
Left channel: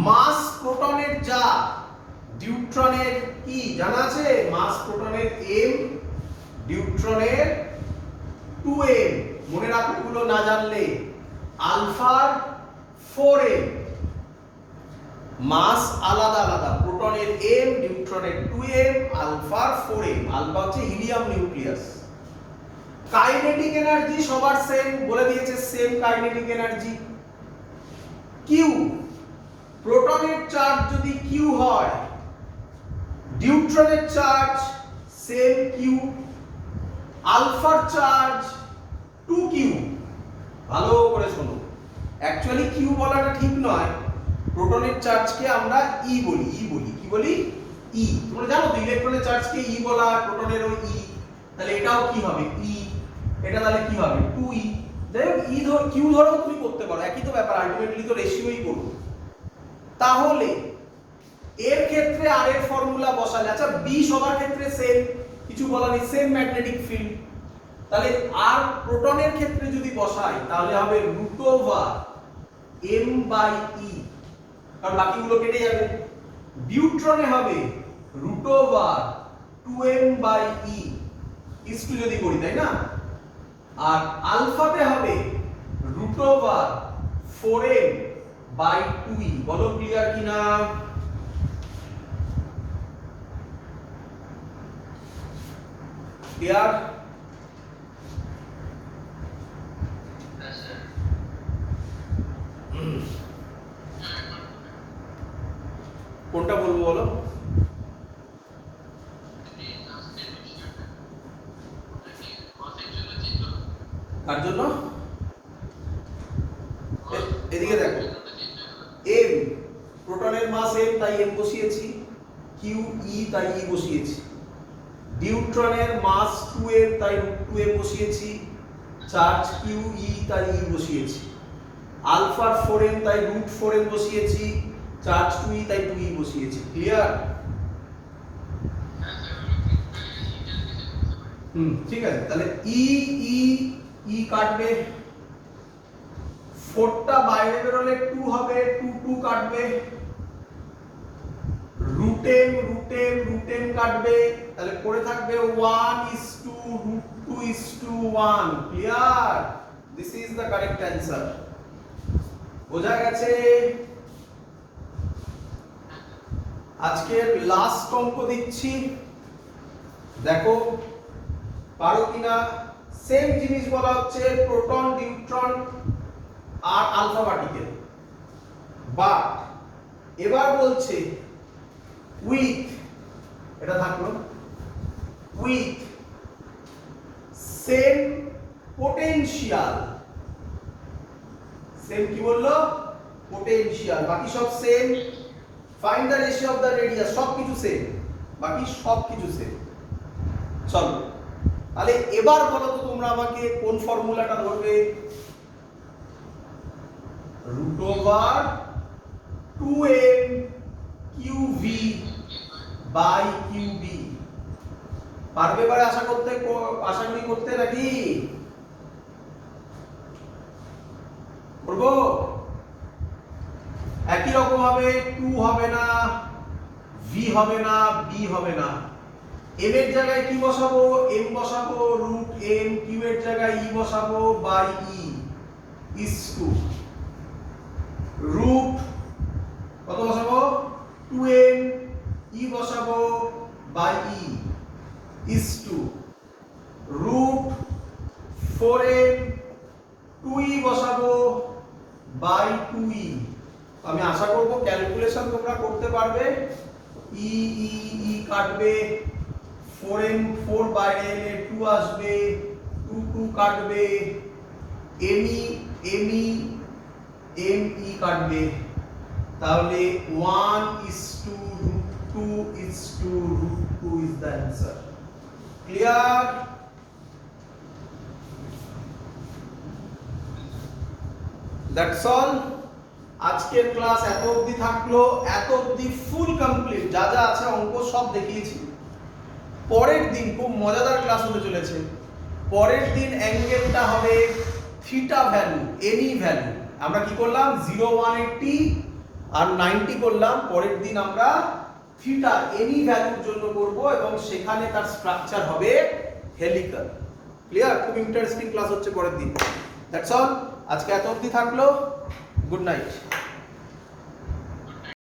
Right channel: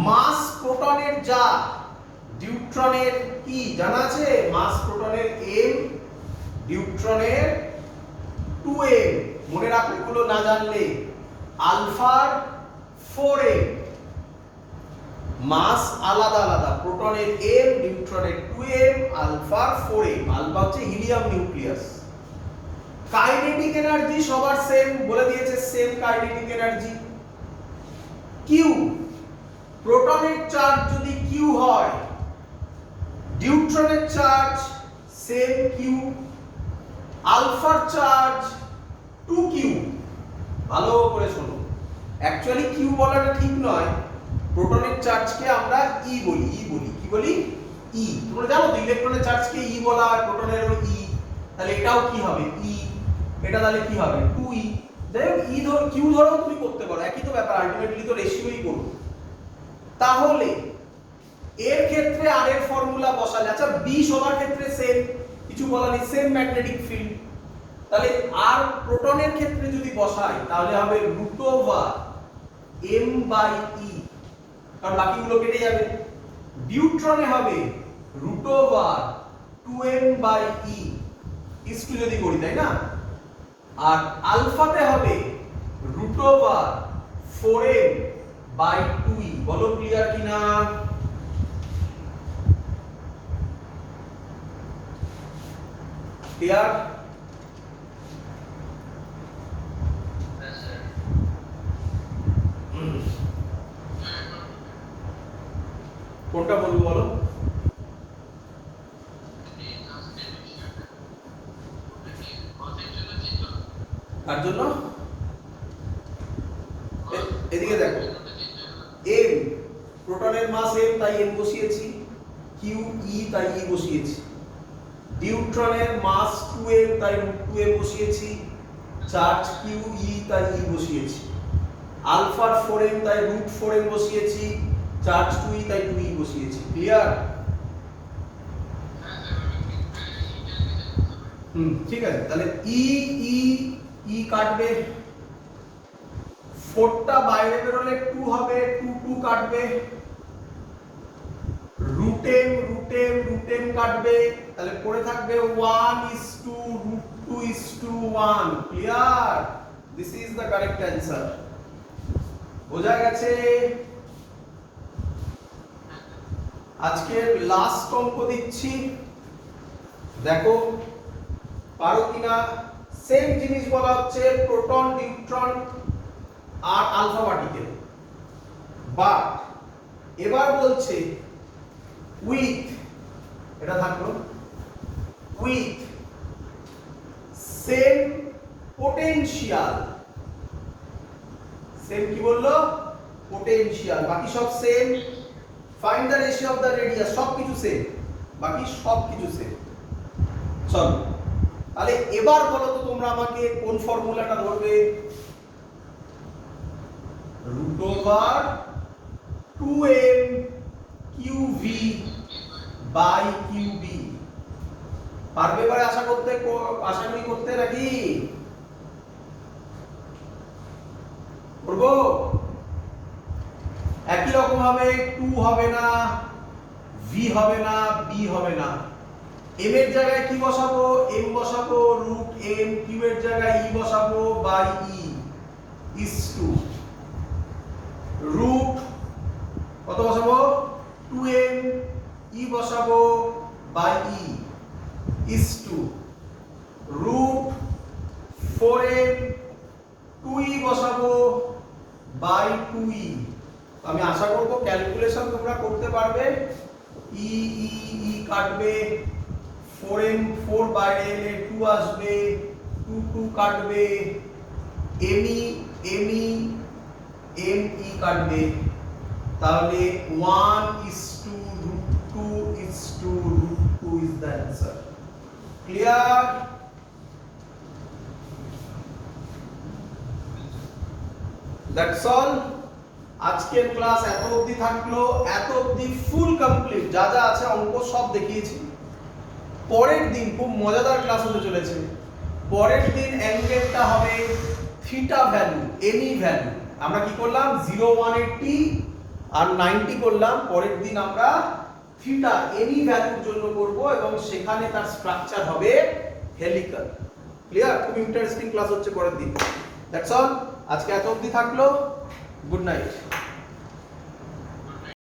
মাস প্রোটনের যা, নিউট্রনের কি জানা আছে? মাস প্রোটনের m, নিউট্রনের 2m। মনে রাখো এগুলো না জানলে। আলফার 4m, মাস আলাদা আলাদা, প্রোটনের m, নিউট্রনের 2m, আলফার 4m। আলফা হচ্ছে হিলিয়াম নিউক্লিয়াস। কাইনেটিক এনার্জি সবার সেম, বলে দিয়েছে সেম কাইনেটিক এনার্জি। কিউ, প্রোটনের চার্জ যদি কিউ হয়, নিউট্রনের চার্জ সেম কিউ, আলফার চার্জ 2q। ভালো করে শোনো, অ্যাকচুয়ালি কিউ বলাটা ঠিক নয়, প্রোটনের চার্জকে আমরা ই বলি। কি বলি? ই। তোমরা জানো তো ইলেকট্রনের চার্জকে ই বলা হয়, প্রোটনেরও ই। তাহলে এটাও কি হবে? ই। এটা তাহলে কি হবে? 2e। দেখো ই ধর কিউ ধরেও তুমি করতে পারো, একই তো ব্যাপার, আলটিমেটলি তো রেশিওই করবে। তাহলে এর ক্ষেত্রে আর এর ফর্মুলা বসালে, আচ্ছা বি সবার ক্ষেত্রে সেম, কিছু বলা নেই, সেম ম্যাগনেটিক ফিল্ড। তাহলে আর প্রোটনের ক্ষেত্রে যদি বসাই তাহলে হবে √m/e, কারণ বাকিগুলো কেটে যাবে। নিউট্রনে হবে √2m/e ইস টু যদি করি, তাই না? আর আলফাতে হবে √4m/2e। বলো ক্লিয়ার কিনা? ক্লিয়ার? কোনটা বলবো বলো? তার জন্য এদিকে দেখো, m প্রোটনের মাস m তাই m বসিয়েছি, q e তাই e বসিয়েছি, নিউট্রনের মাস 2m তাই √2m বসিয়েছি, চার্জ q e তাই e বসিয়েছি, আলফার 4m তাই √4m বসিয়েছি, চার্জ 2e তাই 2e বসিয়েছি। ক্লিয়ার? ঠিক আছে, তাহলে ই ই ই কাটবে, 4টা বাইরে বেরোলে 2 হবে, 2 2 কাটবে, √m কাটবে, তাহলে পড়ে থাকবে 1:√2:1। Clear? This is the correct answer. বোঝা গেছে? আজকের লাস্ট অঙ্ক দিচ্ছি, দেখো পারো কিনা। সেম জিনিস বলা হচ্ছে, প্রোটন, নিউট্রন আর আলফা পার্টিকেল, বাট এবার বলছে উইথ, এটা থাকলো উইথ সেম পোটেনশিয়াল। সেম কি বললো? পোটেনশিয়াল। বাকি সব same. Find the ratio of the radius, সবকিছু সেম, বাকি সবকিছু সেম। চলো তাহলে এবার বলো তো তোমরা আমাকে কোন ফর্মুলাটা ধরবে? √2m qv by qb। পারবে এবার আশা করি করতে, নাকি করবো? একই রকম হবে, 2 হবে না, v হবে না, b হবে না, m এর জায়গায় কি বসাবো, m বসাবো রুট m, q এর জায়গায় e বসাবো by e is to root কত বসাবো 2m, e বসাবো by e is to root 4m, 2e বসাবো বাই 2e। আমি আশা করব ক্যালকুলেশন তোমরা করতে পারবে। e e e কাটবে, 4m 4 বাইরে এলে 2 আসবে, 2 2 কাটবে, me me me কাটবে, তাহলে 1:√2 is the answer. Clear? That's all. আজকের ক্লাস এত অবধি থাকলো, এত অবধি ফুল কমপ্লিট, যা যা আছে অঙ্ক সব দেখিয়েছি। পরের দিন খুব মজাদার ক্লাস হতে চলেছে। পরের দিন অ্যাঙ্গেলটা হবে থিটা ভ্যালু, এনি ভ্যালু। আমরা কি করলাম 0 180 আর 90 করলাম। পরের দিন আমরা থিটা এনি ভ্যালুর জন্য করব এবং সেখানে তার স্ট্রাকচার হবে হেলিকাল। ক্লিয়ার? খুব ইন্টারেস্টিং ক্লাস হচ্ছে পরের দিন। That's all. আজকে এত অবধি থাকলো। Good night.